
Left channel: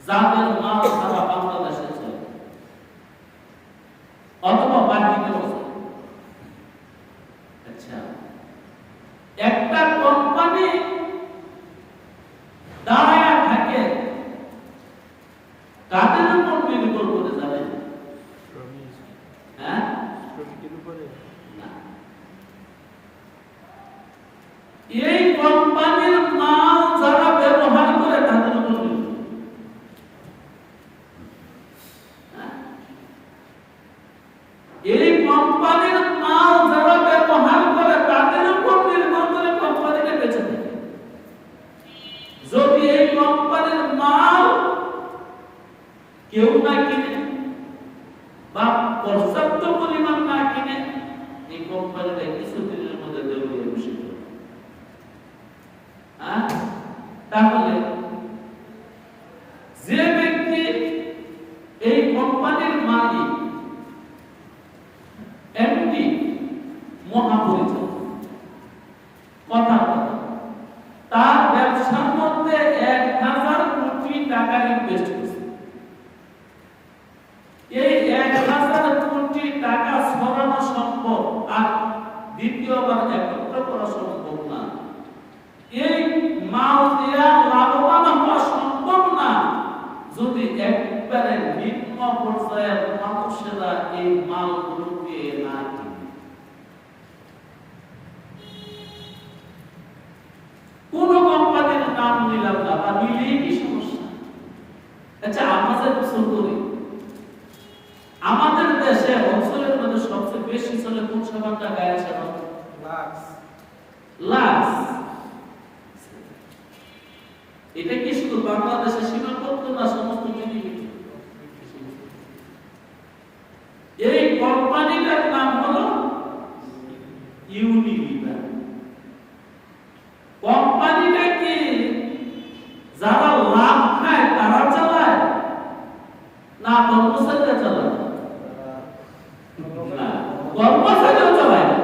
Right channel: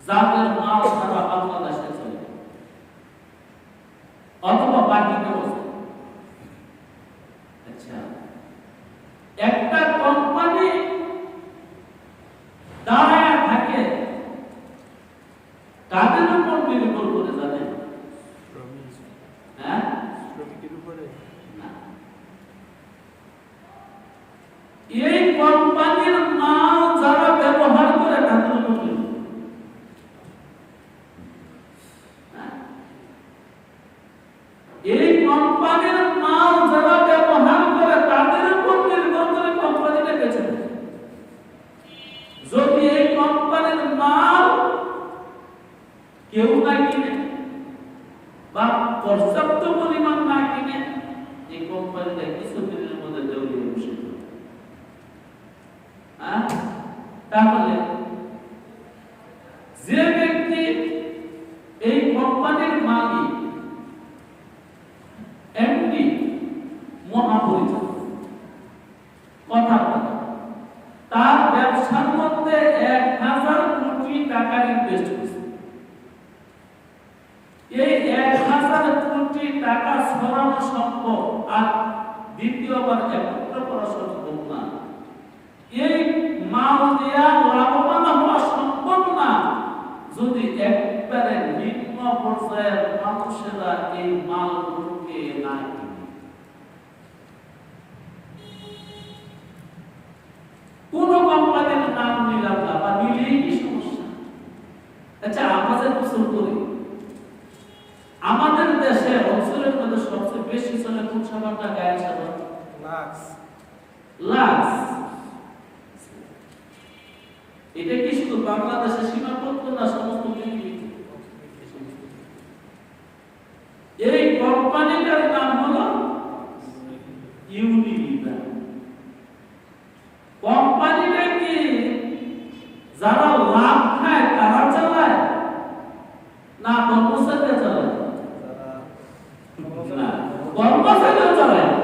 যাদের মাল সারা বাংলাদেশে চলে অথবা বাহিরে চলে, আচ্ছা, একটা কোম্পানি দাঁড়ায় থাকে কাদের উপর নির্ভর করে যাবে? হ্যাঁ, শ্রমিকের উপরে না। এই কোম্পানির মাল যারা ব্যবহার করে তাদের উপর নির্ভর। এই কোম্পানির মাল যারা ব্যবহার করে তাদের উপর নির্ভর করে কোম্পানিটা বেঁচে থাকে। যদি এই কোম্পানির মাল কেউ না কিনে বা পর্যাপ্ত পরিমাণ না কিনে, এই কোম্পানিটা কিছু দিনের মধ্যে দেউলিয়া বসে যাবে। তাহলে যে ব্যক্তি এই কোম্পানির মালিক, এমডি, মহাপরিচালক, কথা তার ব্যবসার মধ্যে 1000 কোটি টাকা ইনভেস্ট করছে। এই 1000 কোটি টাকা সরানো সম্ভব, আর দ্বিতীয়বার একত্র করা সম্ভব না। এই মাল দিয়া লাভবান হওয়া সম্ভব না যদি একবারে নিম্ন পর্যায়ের মানুষেরা এই মালগুলোকে না কিনে। কোন কোম্পানির নাম নিলাম না, তা মিলিয়ে কি সমস্যা? আচ্ছা, আমরা যে গোসল করি, আমাদের দেশে অঞ্চলের মধ্যে সবচেয়ে বেশি চলে কোন সাবানটা? গায়ের সাবান, লাক্স। এটা কি শুধু বাংলাদেশে সীমাবদ্ধ না, সমস্ত পৃথিবীতে? কর্মচারীও চালায় না,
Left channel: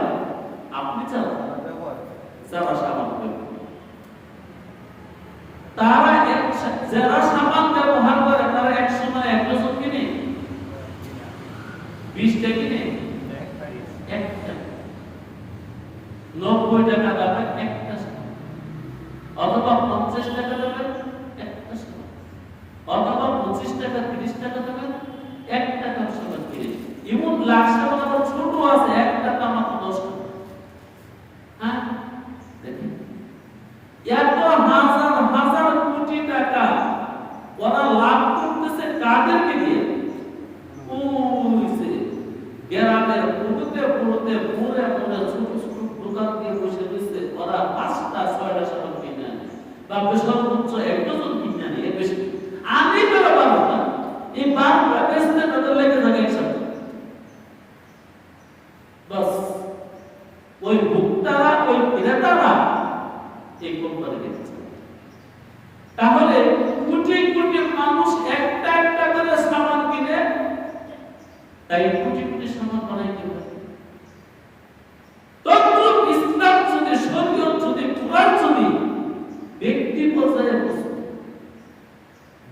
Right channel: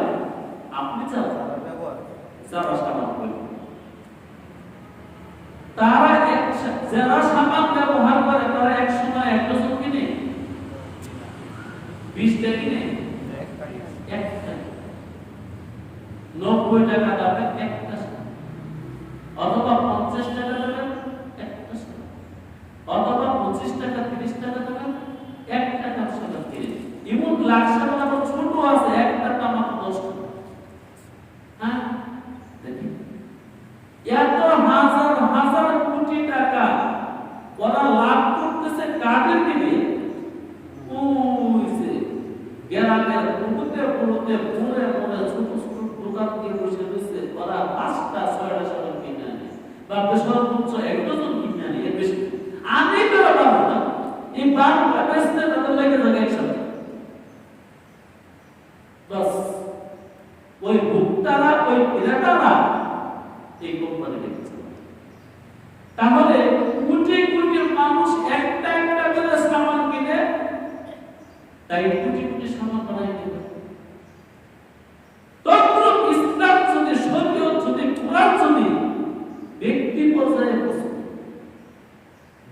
আপনি চালান, যারা সাবান তারা যারা সাবান ব্যবহার করে তারা এক সময় 1 ডজন কিনে 20টা কিনে 90 টাকা দামে একটা অথবা 50 টাকা দামে একটা অথবা 25 টাকা 30 টাকা দামে একটা সাবান কিনে। এমন লাখ সাবান আবার ছোট আছে, একটা দাম মাত্র 10 টাকা। হ্যাঁ দেখি এত হাজার হাজার কোটি টাকা ওরা লাভ করতেছে কাদেরকে দিয়ে? ওই যে গ্রামের পুরোতে পুরোতে মোড়ে মোড়ে ছোট ছোট দোকান দিয়ে বসে রয়েছে, ওরা 5টা 6টা সাবান কিনে আনে বা সর্বোচ্চ 1 ডজন কিনে আনে। এর বেশি আমি করা পাবো না, এই 12টা বেচতে তাদের লেগে থাকে এক সপ্তাহ। বাস ওই ভোক্তারা ওই ক্রেতারা এই কোম্পানিকে দিচ্ছে। তাহলে কোটি কোটি মানুষ একটা একটা করে সামান কিনে, তাই কোটি কোটি সামান বানাই দিবে। তদ্রূপ ইসলাম যদি, শরীয়ত যদি, কুরআন যদি ব্যক্তি পর্যায়ে বসে,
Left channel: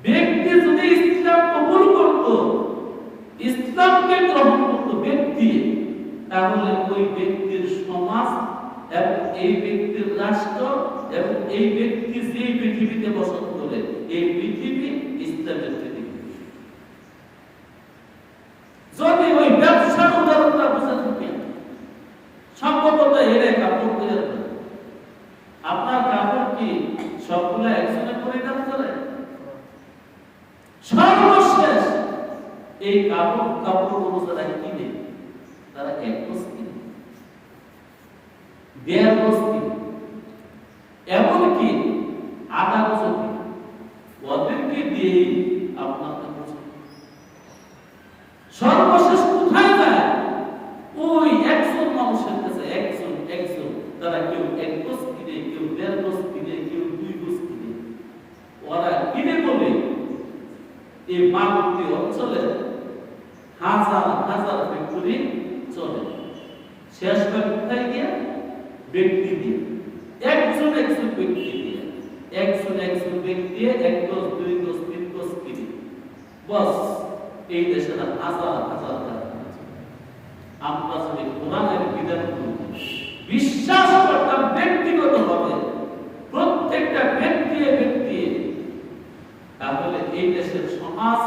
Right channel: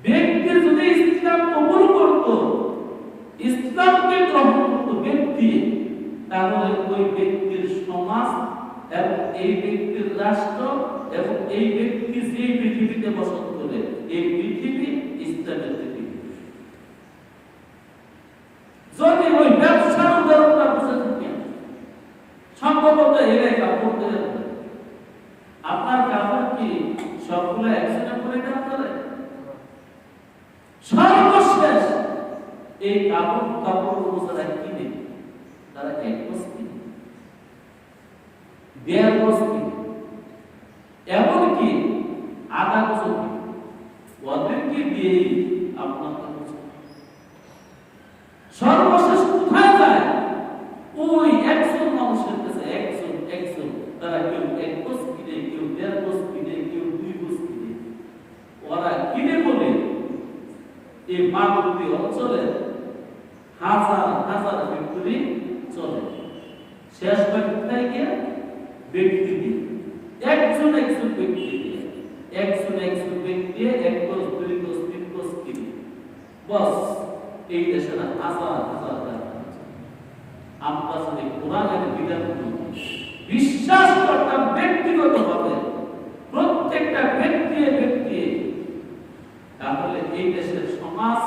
ব্যক্তি যদি ইসলাম কবুল করত, ইসলামকে গ্রহণ করত ব্যক্তি, তাহলে ওই ব্যক্তির সমাজ এবং এই ব্যক্তির রাষ্ট্র এবং এই ব্যক্তি যে পৃথিবীতে বসবাস করে, এই পৃথিবী ইসলামের পৃথিবী। যদি ওই ব্যবসার উদাহরণটা বুঝে থাকেন, সম্ভবত এরাই কাপড় করে, আপনার কাপড় কি সবগুলো একজনে পরিধান করে? সর্বশেষ এই কাপড় যারা কিনে তারা 1 গজ কিনে, 1.5 গজ কিনে, এমনকি আধা গজ কিনে, ওদেরকে দিয়ে আপনার সর্বশেষ কোথায় যায়? ওই একজন মানুষের কাছে একজন তারা কেউ 1 গজ কিনে, কেউ 1.5 গজ কিনে, কেউ 2 গজ কিনে। ওরা কিনে বলে এই মাগধী অঞ্চলে হাজার হাজার ফ্যাক্টরি চলে। শেষ কোথায় গিয়ে? ব্যক্তি দিয়ে, একজন ব্যক্তি দিয়ে, একজন ব্যক্তি 1 গজ 2 গজ 3 গজ কিনে। বস এই দেশের হাজার হাজার টাকা। আমরা যদি কোরআনের বিধানগুলো বিশ্বাস করতাম ব্যক্তিগতভাবে, প্রত্যেকটা ব্যক্তি, তাহলে এই দেশের সমাজ,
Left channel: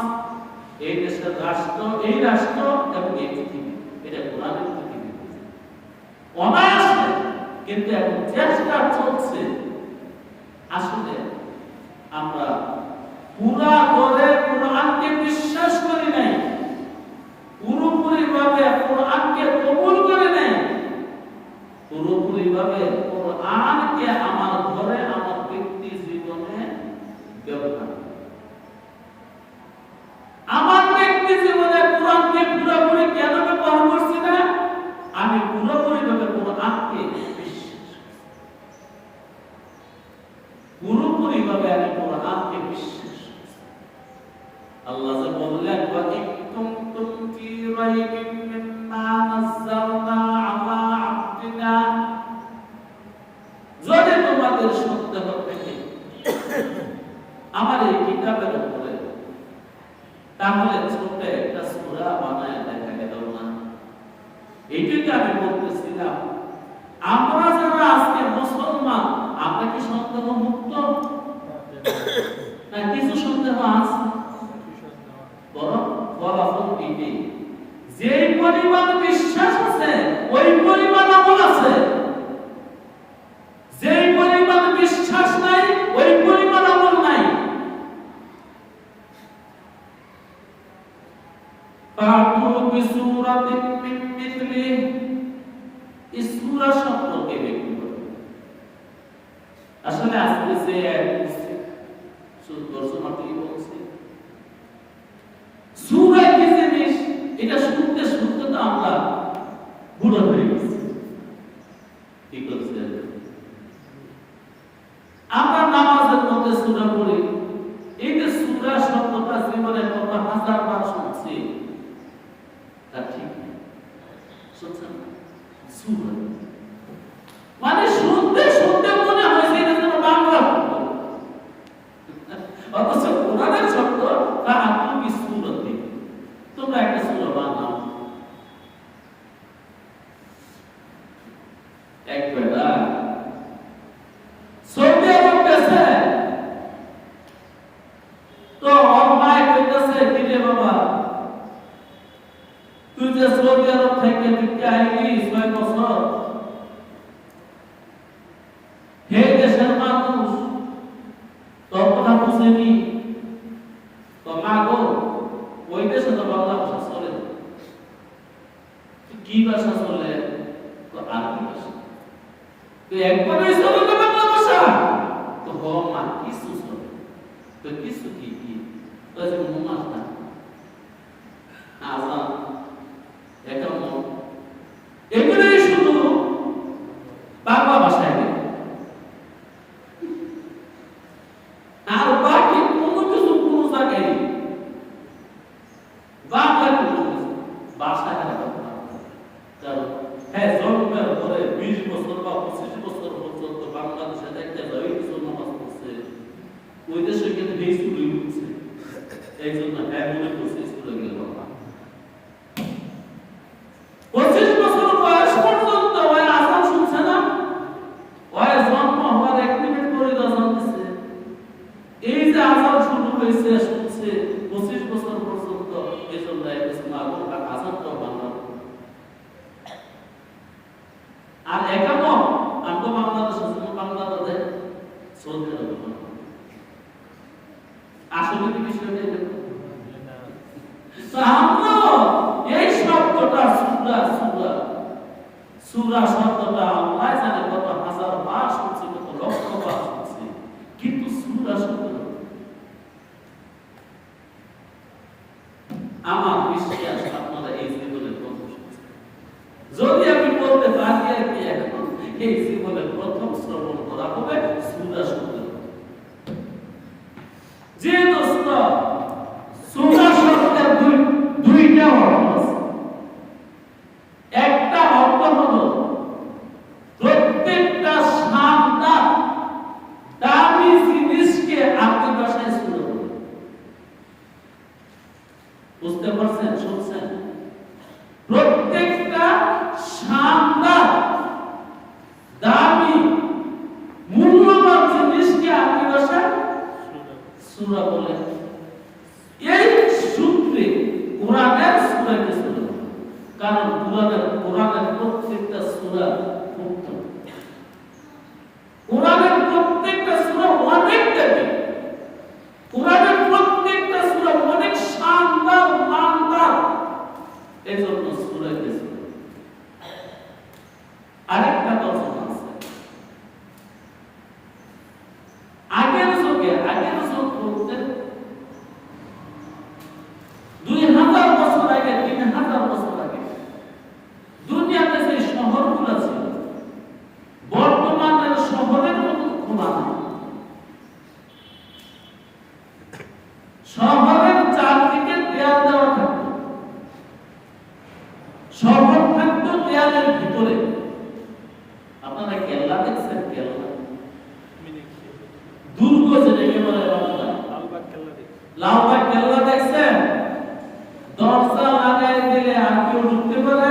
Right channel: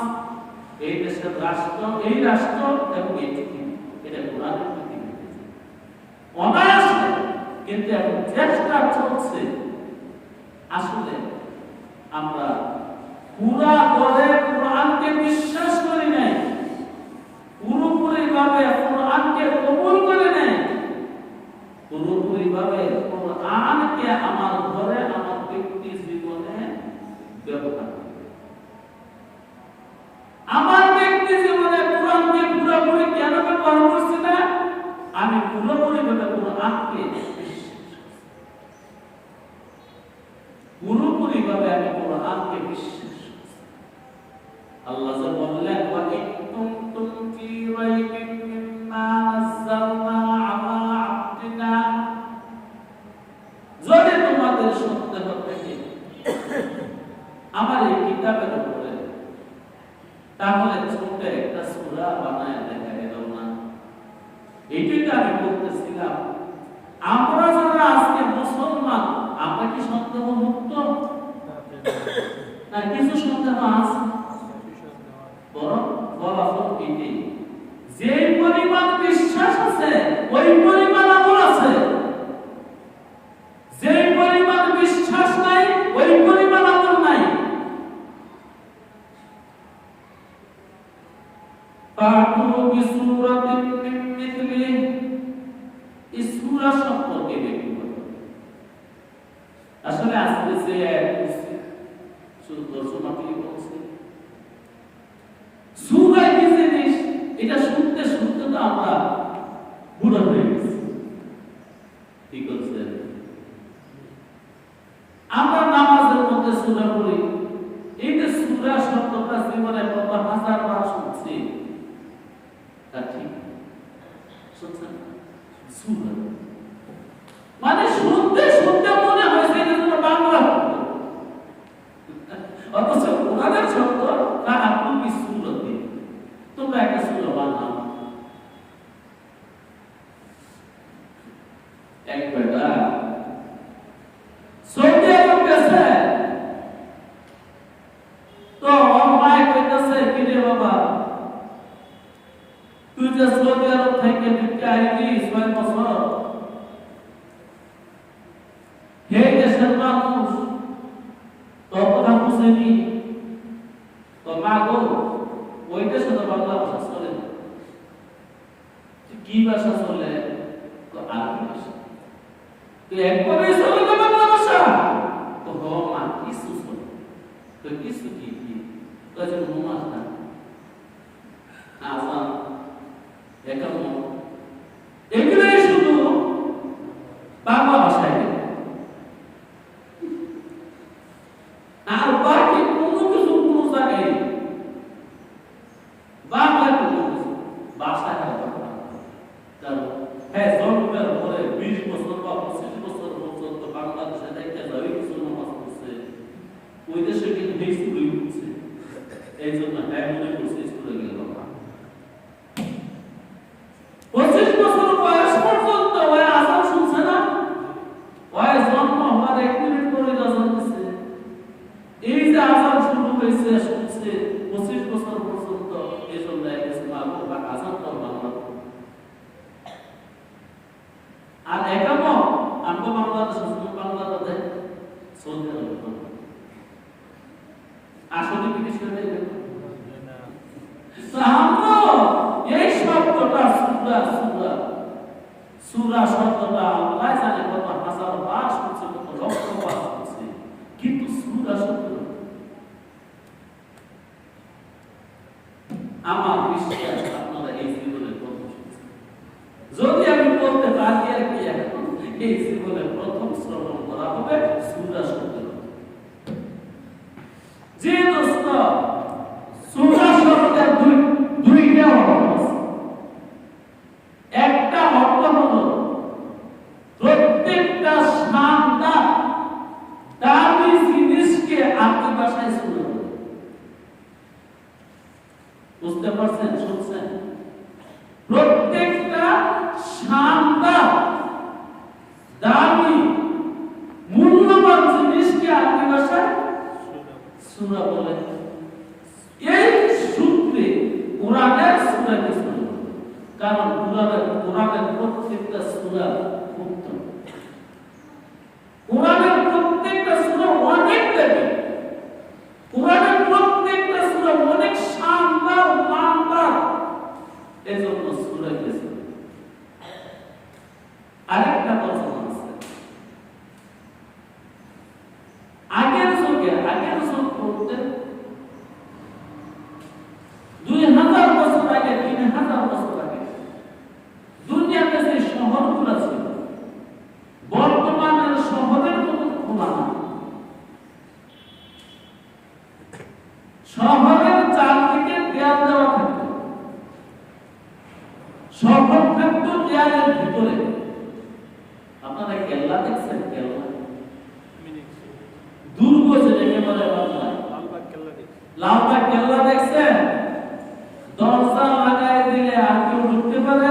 এই দেশের রাষ্ট্র, এই রাষ্ট্র এবং এই পৃথিবী, এটা কোরআনের পৃথিবী অনায়াসে। কিন্তু এখন চেষ্টা চলছে, আসলে আমরা পুরা করে কোরআনকে বিশ্বাস করি নাই, পুরোপুরি ভাবে কোরআনকে কবুল করে নাই, পুরোপুরি ভাবে কোরআনকে আমার ঘরে, আমার ব্যক্তি জীবনে ব্যবহার, আমার ব্যক্তি জীবনে কোরআনকে পুরোপুরি কেন ব্যবহার করছি না? আমি পুরোপুরি ভাবে কোরআনকে পুরোপুরি ভাবে আমি কোরআনকে বিশ্বাস। আল্লাহ যে বললেন, ওয়া ইন কুনতুম ফি রাইবিন মিম্মা নাযালনা আলা আবদিনা, যদি তোমাদের সন্দেহ থাকে আমার এই কিতাবের উপরে, তাহলে ছোট একটা সূরা বানায় দেখাই দাও না। এইটাই তো আমি বলতেছিলাম, আমরা যারা আজকে মুসলমান, আমরা কি সন্দেহ মুক্ত না? কিছু সন্দেহ আছে, বরং ফলাফল এটাই, যে পরিমাণ বিশ্বাস আছে ওই পরিমাণ আমল আছে, যে পরিমাণ বিশ্বাস নাই ওই পরিমাণ আমল নাই। ফাতু বিসূরাতিন মিন মিথলিহি, এই সূরা সম্পর্কে ব্যক্তি বলে। আসলে আজকে যে দর্শনার্থী বলছে সূরা কি জিনিস, এটা শুনতে শুনতে তো আমরা সুরত, মানে শুনতে শুনতে মনে হয়েছে এটা যেন বাংলা শব্দ, অথচ কোরআনের শব্দ তাহা তুমি সুরতে, তোমরা একটা সূরা বানাও। এক বেটা সৌদি আরব গেছে, তো অন্যায় কইতেছে, কিরে বাবা তুই যে সৌদি আরব থেকে দিকে আইলি 6 বছর, হে দেশের মানুষ তোর কথা বুঝেনি, তো মা গো ওই দেশে তো বাংলা ভাষা চলে না, কি ভাষা চলে? আরবি ভাষা। তো একবারই চলে না বাংলা ভাষা? তো হ মা কিছু চলে, তো কিছু কি কি? তো যে নমাজটা, আজান, একামত, এগুলোই শুধু বাংলা ভাষায়, আর বাকি কোনো কিছু কোনো জায়গায় বাংলা কোনো কিছু ভাষায় না। কারণ হ্যাঁ জন্মের পরে 20 বছর বা 25 বছর পর্যন্ত বাংলাদেশে দেখতে যাবে কিছু নামাজ পড়ছে, ওই দেশে কিন্তু এই স্কুলেই পড়ছে, এই জন্য হ্যাঁ মনে করছে স্কুলে গেল। 25 বছর বয়স পর্যন্ত ওই আজান শুনছে না, ওই জন্ম হওয়ার 1 মিনিট পরে আজান দিচ্ছে, এই যে আজান শুরু হয়েছে শুনছে 25 বছর পর্যন্ত, এই জন্য আজান তো বাংলা। আর একামত আমরা বাংলাদেশে বাংলাদেশে সৌদি আরব আসলে কি বিষয়টা দেখো না, তো আমরা এই শব্দটা সূরা সূরা সূরা শব্দটা আল্লাহ জানে কত হাজার বার শুনছি, কত লক্ষ বার শুনছি, কিন্তু সূরা শব্দ আমার বিশ্বাস আপনারা এই জীবনে প্রথম শুনছেন। যদি আমি বলতে পারি আর কি এখন এই জীবনে প্রথম শ্রবণ করা হবে সূরা শব্দ। যে দোস্ত সূরা শব্দের দুইটা অর্থ আছে, একটা অর্থ হলো প্রত্যেকটা শানদার দামি জিনিসকে আপনি ভাষায় সূরা বলে। বুঝতে পারছেন? শুনছেন? প্রত্যেকটা শানদার দামি মূল্যবান জিনিসকে আপনি ভাষায় সূরা বলে। এই সূত্রে কোরআনের সূরাকে সূরা বলে, কারণ কোরআনের প্রত্যেকটা সূরা উত্তম, কোরআনের প্রত্যেকটা সূরা অনেক দামি, কোরআনের প্রত্যেকটা সূরা অনেক শানদার মানদার, এজন্য সূরাকে সূরা। আরেকটা কথা আছে, আগের যুগ বলতে 2000 বছর আগে, 3000 বছর আগে দুনিয়াতে যে শহরগুলো ছিল বর্তমানের শহরের মতো খোলা না। শহরের চারদিকে দেয়াল দেওয়া থাকতো, শহর থাকতো দেয়ালের ভিতরে। আপনারা কেল্লা দেখছেন? কেল্লা দুর্গ যেটাকে বলে লালবাগ কেল্লা দেখছেন? দরজা লাগাই দিলে আর কেউ ঢুকতে পারে?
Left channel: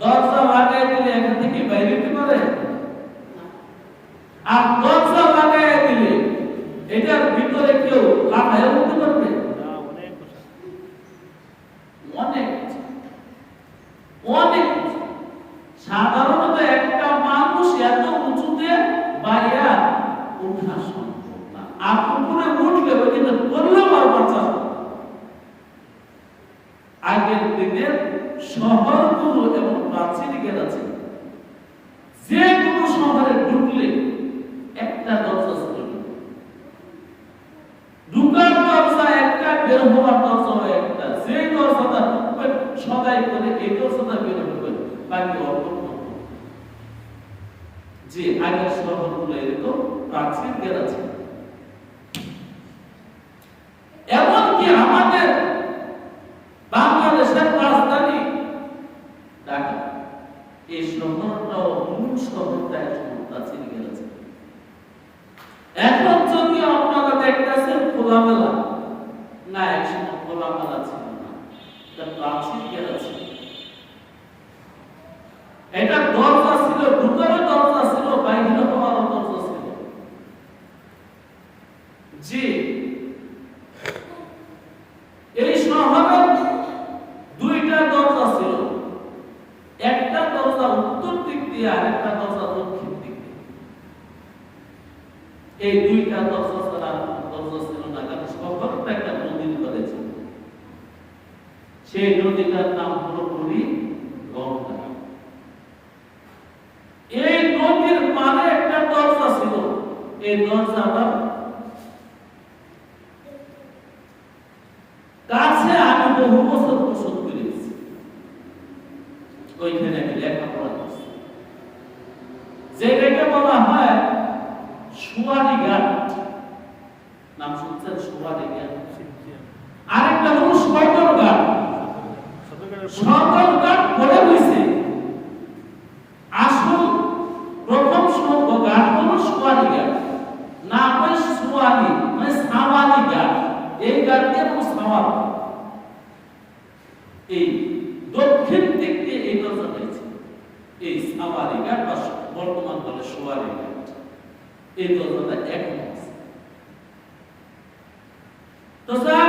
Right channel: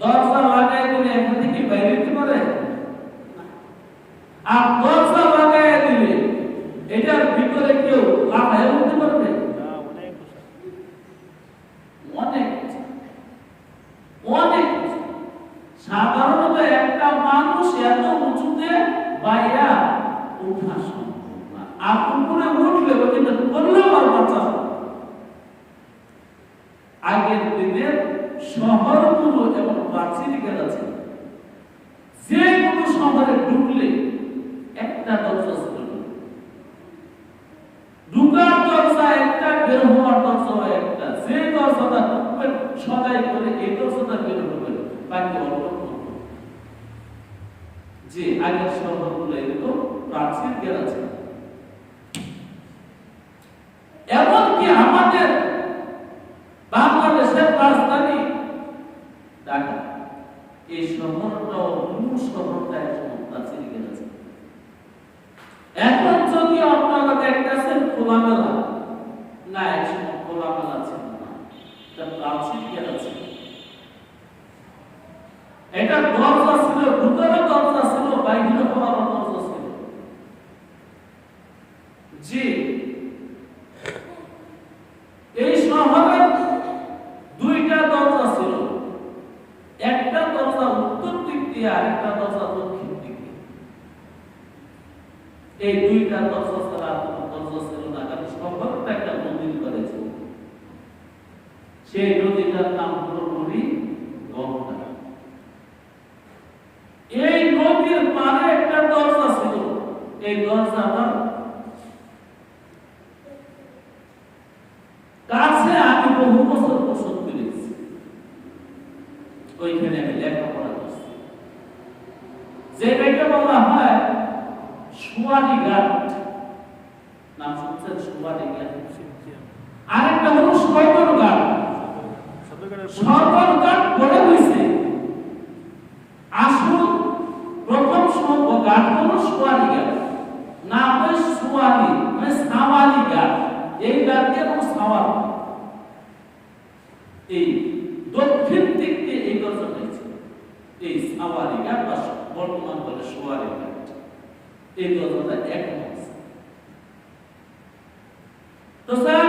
দরজা লাগাই দিলে এখান থেকে বাইরে হতে পারে? আর দরজা লাগাই দিলে এটার ভিতরে কেউ লাফায় উঠতে পারবে না? অনেক অনেক সাধারণত একটা মানুষ এত উঁচুতে বাইয়া ওঠা সম্ভব না, আর উপরে উঠলে ওইটা করলেও আর বাঁচা যাবে। আগের দিনের শহরগুলো এবং প্রাচীর গেছে, যে কোনো শহরে ঢুকলে একটা দরজা ছিল, ঢুকার দরজা একটা, বের হওয়ার দরজা একটা। যে দরজাটা ঢুকবেন সদাই করে এই দরজাটা বের হবেন, বাকি অল্প। যে আগের শহরগুলো এরকম প্রাচীর গেছে। এমনকি আমাদের বাংলাদেশের রাজধানী ঢাকা, এই শহরটাও মূল শহরটা একসময় প্রাচীন গেছে। এখন যদিও আপনারা দেখতেছেন খোলামেলা, না একসময় খোলামেলা ছিল না, এটা প্রাচীন গেছে। এটা দরজা ছিল, ভিতরে দরজা ছিল, বাইরে হওয়ার দরজা ছিল। জি, এই শহরে দুইটা দরজা ছিল, একটা দরজা উত্তর দিক দিয়ে আর একটা দরজা দক্ষিণ দিক দিয়ে। এই দুইটা দরজা ছাড়া দরজা ছিল না, কারণ শহরটা একটা নদীর করে ছিল। সেই নদীটার নাম হলো নদী গঙ্গা। এই নদীর পারে একটা দরজা ছিল, এই দরজাটা কাছে আমি বহু বছর বসত করেছি, ওইখানে আমি লেখাপড়া করছি। যেটাকে বলা হয় সুয়ানি ঘাট, নাম শুনছেন? সুয়ানি ঘাট। আরেকটা হলো সদর ঘাট। সদর ঘাট পড়ে হয়েছে, আসল প্রথম ঘাট হলো সুয়ানি ঘাট। নাম হয় সুয়ানি, মানে সাওয়ালি ঘাট। এই ঘাট দিয়ে সাওয়াল, এই দক্ষিণ দিক দিয়ে এই দরজা হয়েছে, এই সাওয়ালি ঘাট বা বর্তমান বলে সুয়ানি ঘাট। এই দরজাটা এক আছে। তো স্যার,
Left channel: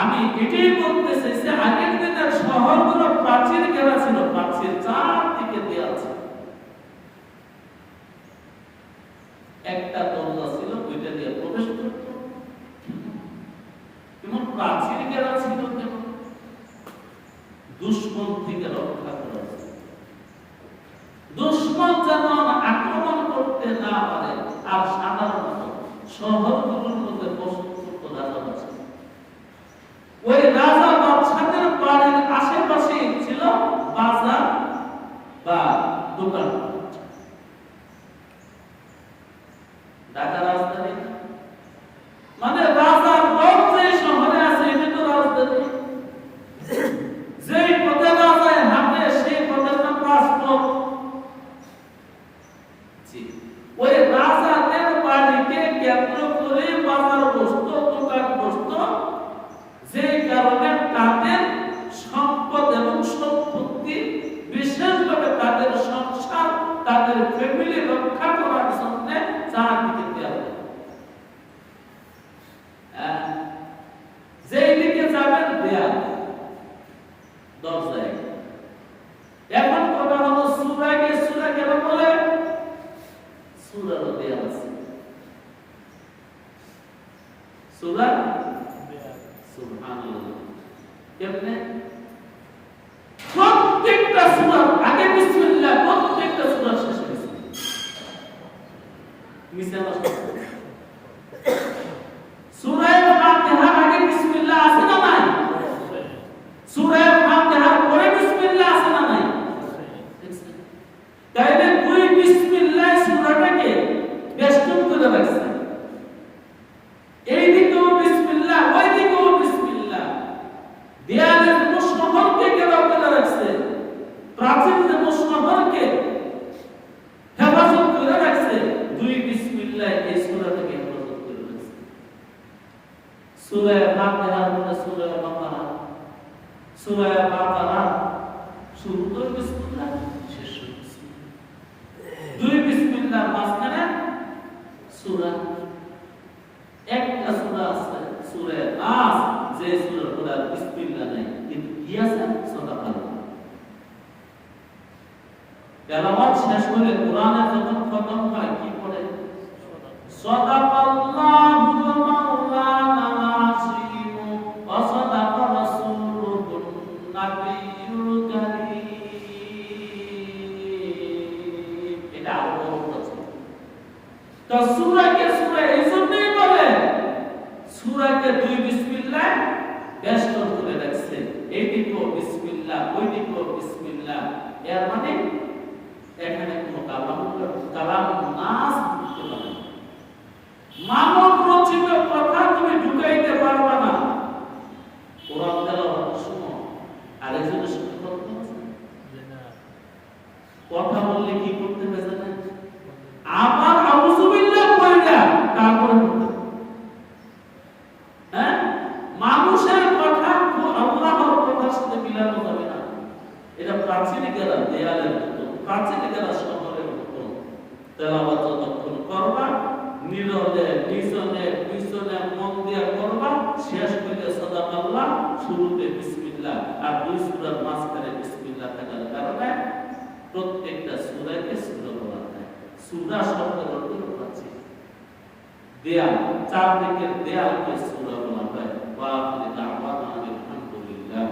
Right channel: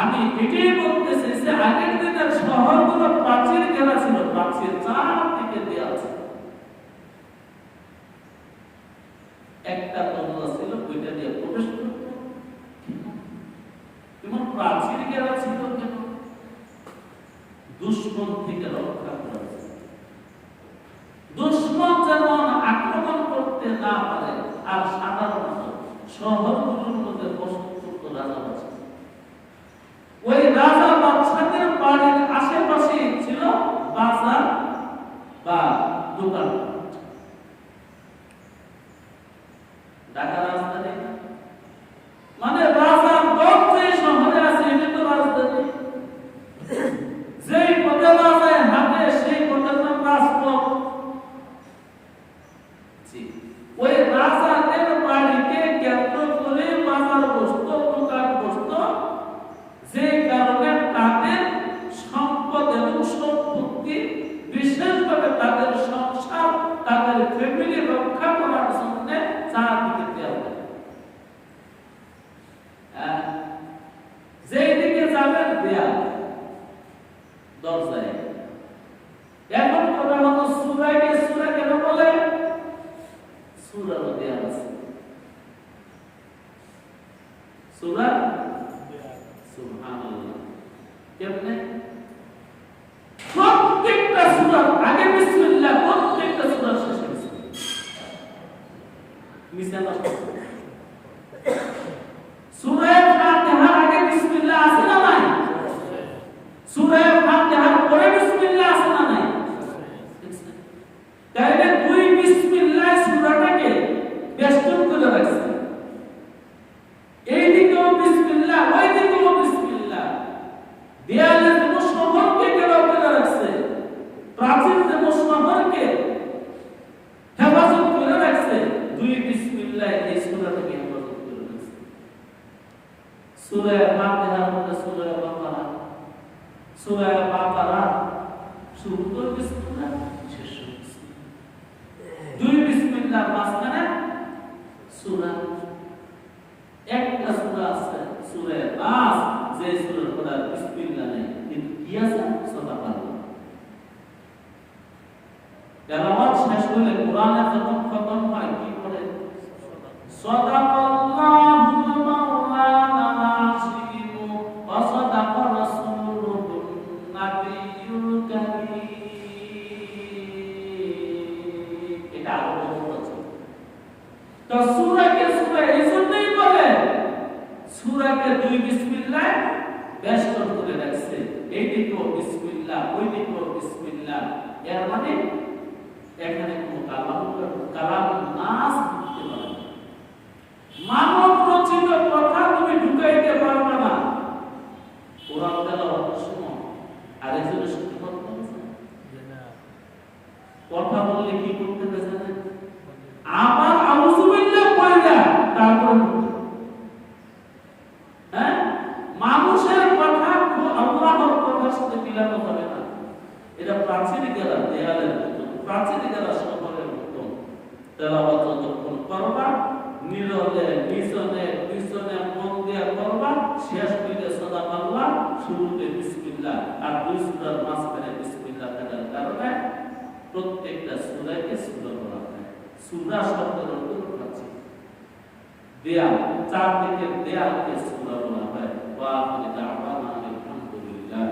আমি এটাই বলতে চাইছি, আগের দিনের শহরগুলো প্রাচীর ঘেরা ছিল, প্রাচীর চারদিকে দেওয়া ছিল। একটা দরজা ছিল, ওইটা দিয়ে প্রবেশ করত। কেমন প্রাচীর ঘেরা ছিল, কেমন দুশ্মন থেকে রক্ষা করা, দুশ্মন যেন আক্রমণ করতে না পারে। আর সাধারণত শহরগুলোর মধ্যে বসত রাজা বাদশা, ওই রাজা বাদশাদের বাড়ির আশেপাশে ছিল বাজার বা দোকান। ঢাকা রাজধানী, মানে রাজার গঞ্জ যে শহরে আছে, এটি তো রাজধানী। যেই পথে রাজায় হাঁটে সেই পথের নাম রাজপথ। ওই রাজাদের বাড়িকে কেন্দ্র করে বাজার বসত, দোকান বসত, যে কারণে তাদের সম্পদ এবং সম্পত্তি, বিশেষভাবে তাদের সংসার, তাদের ফ্যামিলি রক্ষা করার জন্য চারদিকে দেওয়া। যেই দিকে যাবেন দেয়াল, দরজায়। এখন কথা হলো সূরাকে সূরা কেন বলে? সূরার দেয়াল আছে, সূরা সুবহানাল্লাহ। কেমনে? প্রত্যেকটা সূরার আগে বিসমিল্লাহ, প্রত্যেকটা সূরার শেষে বিসমিল্লাহ। মিসাল সূরা ফাতিহার আগে বিসমিল্লাহ আছে না নাই? সূরা ফাতিহার পরে বিসমিল্লাহ আছে না নাই? তাইলে দুই বিসমিল্লাহ সূরাটাকে বেষ্টন করে রাখছে। এই দিকেও বিসমিল্লাহ, ওই দিকেও বিসমিল্লাহ। দেয়ালের শহরকে ঘেরাও করে রাখছে, প্রাচীন শহরকে হেফাজত করে রাখছে। দুই বিসমিল্লাহ এই সূরাটাকে হেফাজত করে রাখছে। সূরা ফাতিহার মধ্যে সূরা বাকারা, সূরা বাকারা শুরুতে বিসমিল্লাহ, শেষে বিসমিল্লাহ। দুই বিসমিল্লাহ মাঝখানে সূরা। একটা সূরা আছে সূরা নাস, যে সূরার কোন বিসমিল্লাহ নেই, কিন্তু কি আছে? সাদাকাল্লাহ। তেলাওয়াত শেষ হলে কোরআনের যখন খতম হয় কি পড়ে? সাদাকাল্লাহুল মাওলানা আযীম ওয়া সাদাকা রাসূলুহুন নাবিয়্যুল কারীম। এটা আল্লাহ বলেছে। তো সূরাকে সূরা এইজন্যই বলে, সূরাকে দুই বিসমিল্লাহ বেষ্টন করে রাখছে। এইদিকেও বিসমিল্লাহ, ওইদিকেও বিসমিল্লাহ। এর মানে এখানে কোনো কালাম নাস করতে পারে না। মানব রচিত কথা তুমি ঢুকাইতে পারবে না। কোরআন তেলাওয়াত শুনো, আরেকজনের সাথে কথা বলছে কথা বললে কি করতে হবে জানেন? আবার আউযুবিল্লাহ কইরা তারপরে হ্যাঁ, মানুষের কথা তো আল্লাহর কথার সাথে মিলানো যাবে না। এটা প্রাচীনিকেরা দেয়ালের মতো, প্রাচীনিকেরা শহরের মতো। তেলাওয়াত যতক্ষণ করবা নীরবে নিজনে পিছনে মন দিয়ে করবা, শেষ হইলে সাদাকাল্লাহ, শুরুতে বিসমিল্লাহ, আর দুই সূরার মাঝখানে বিসমিল্লাহ থাকার কারণে প্রত্যেকটা সূরাকে সূরা বলা হয়। সূরা শব্দের অর্থ আছে দেয়াল, চারদিকের দেয়ালকে সূরা বলা হয়। ওয়া আখিরু দাওয়ানা আলহামদুলিল্লাহ।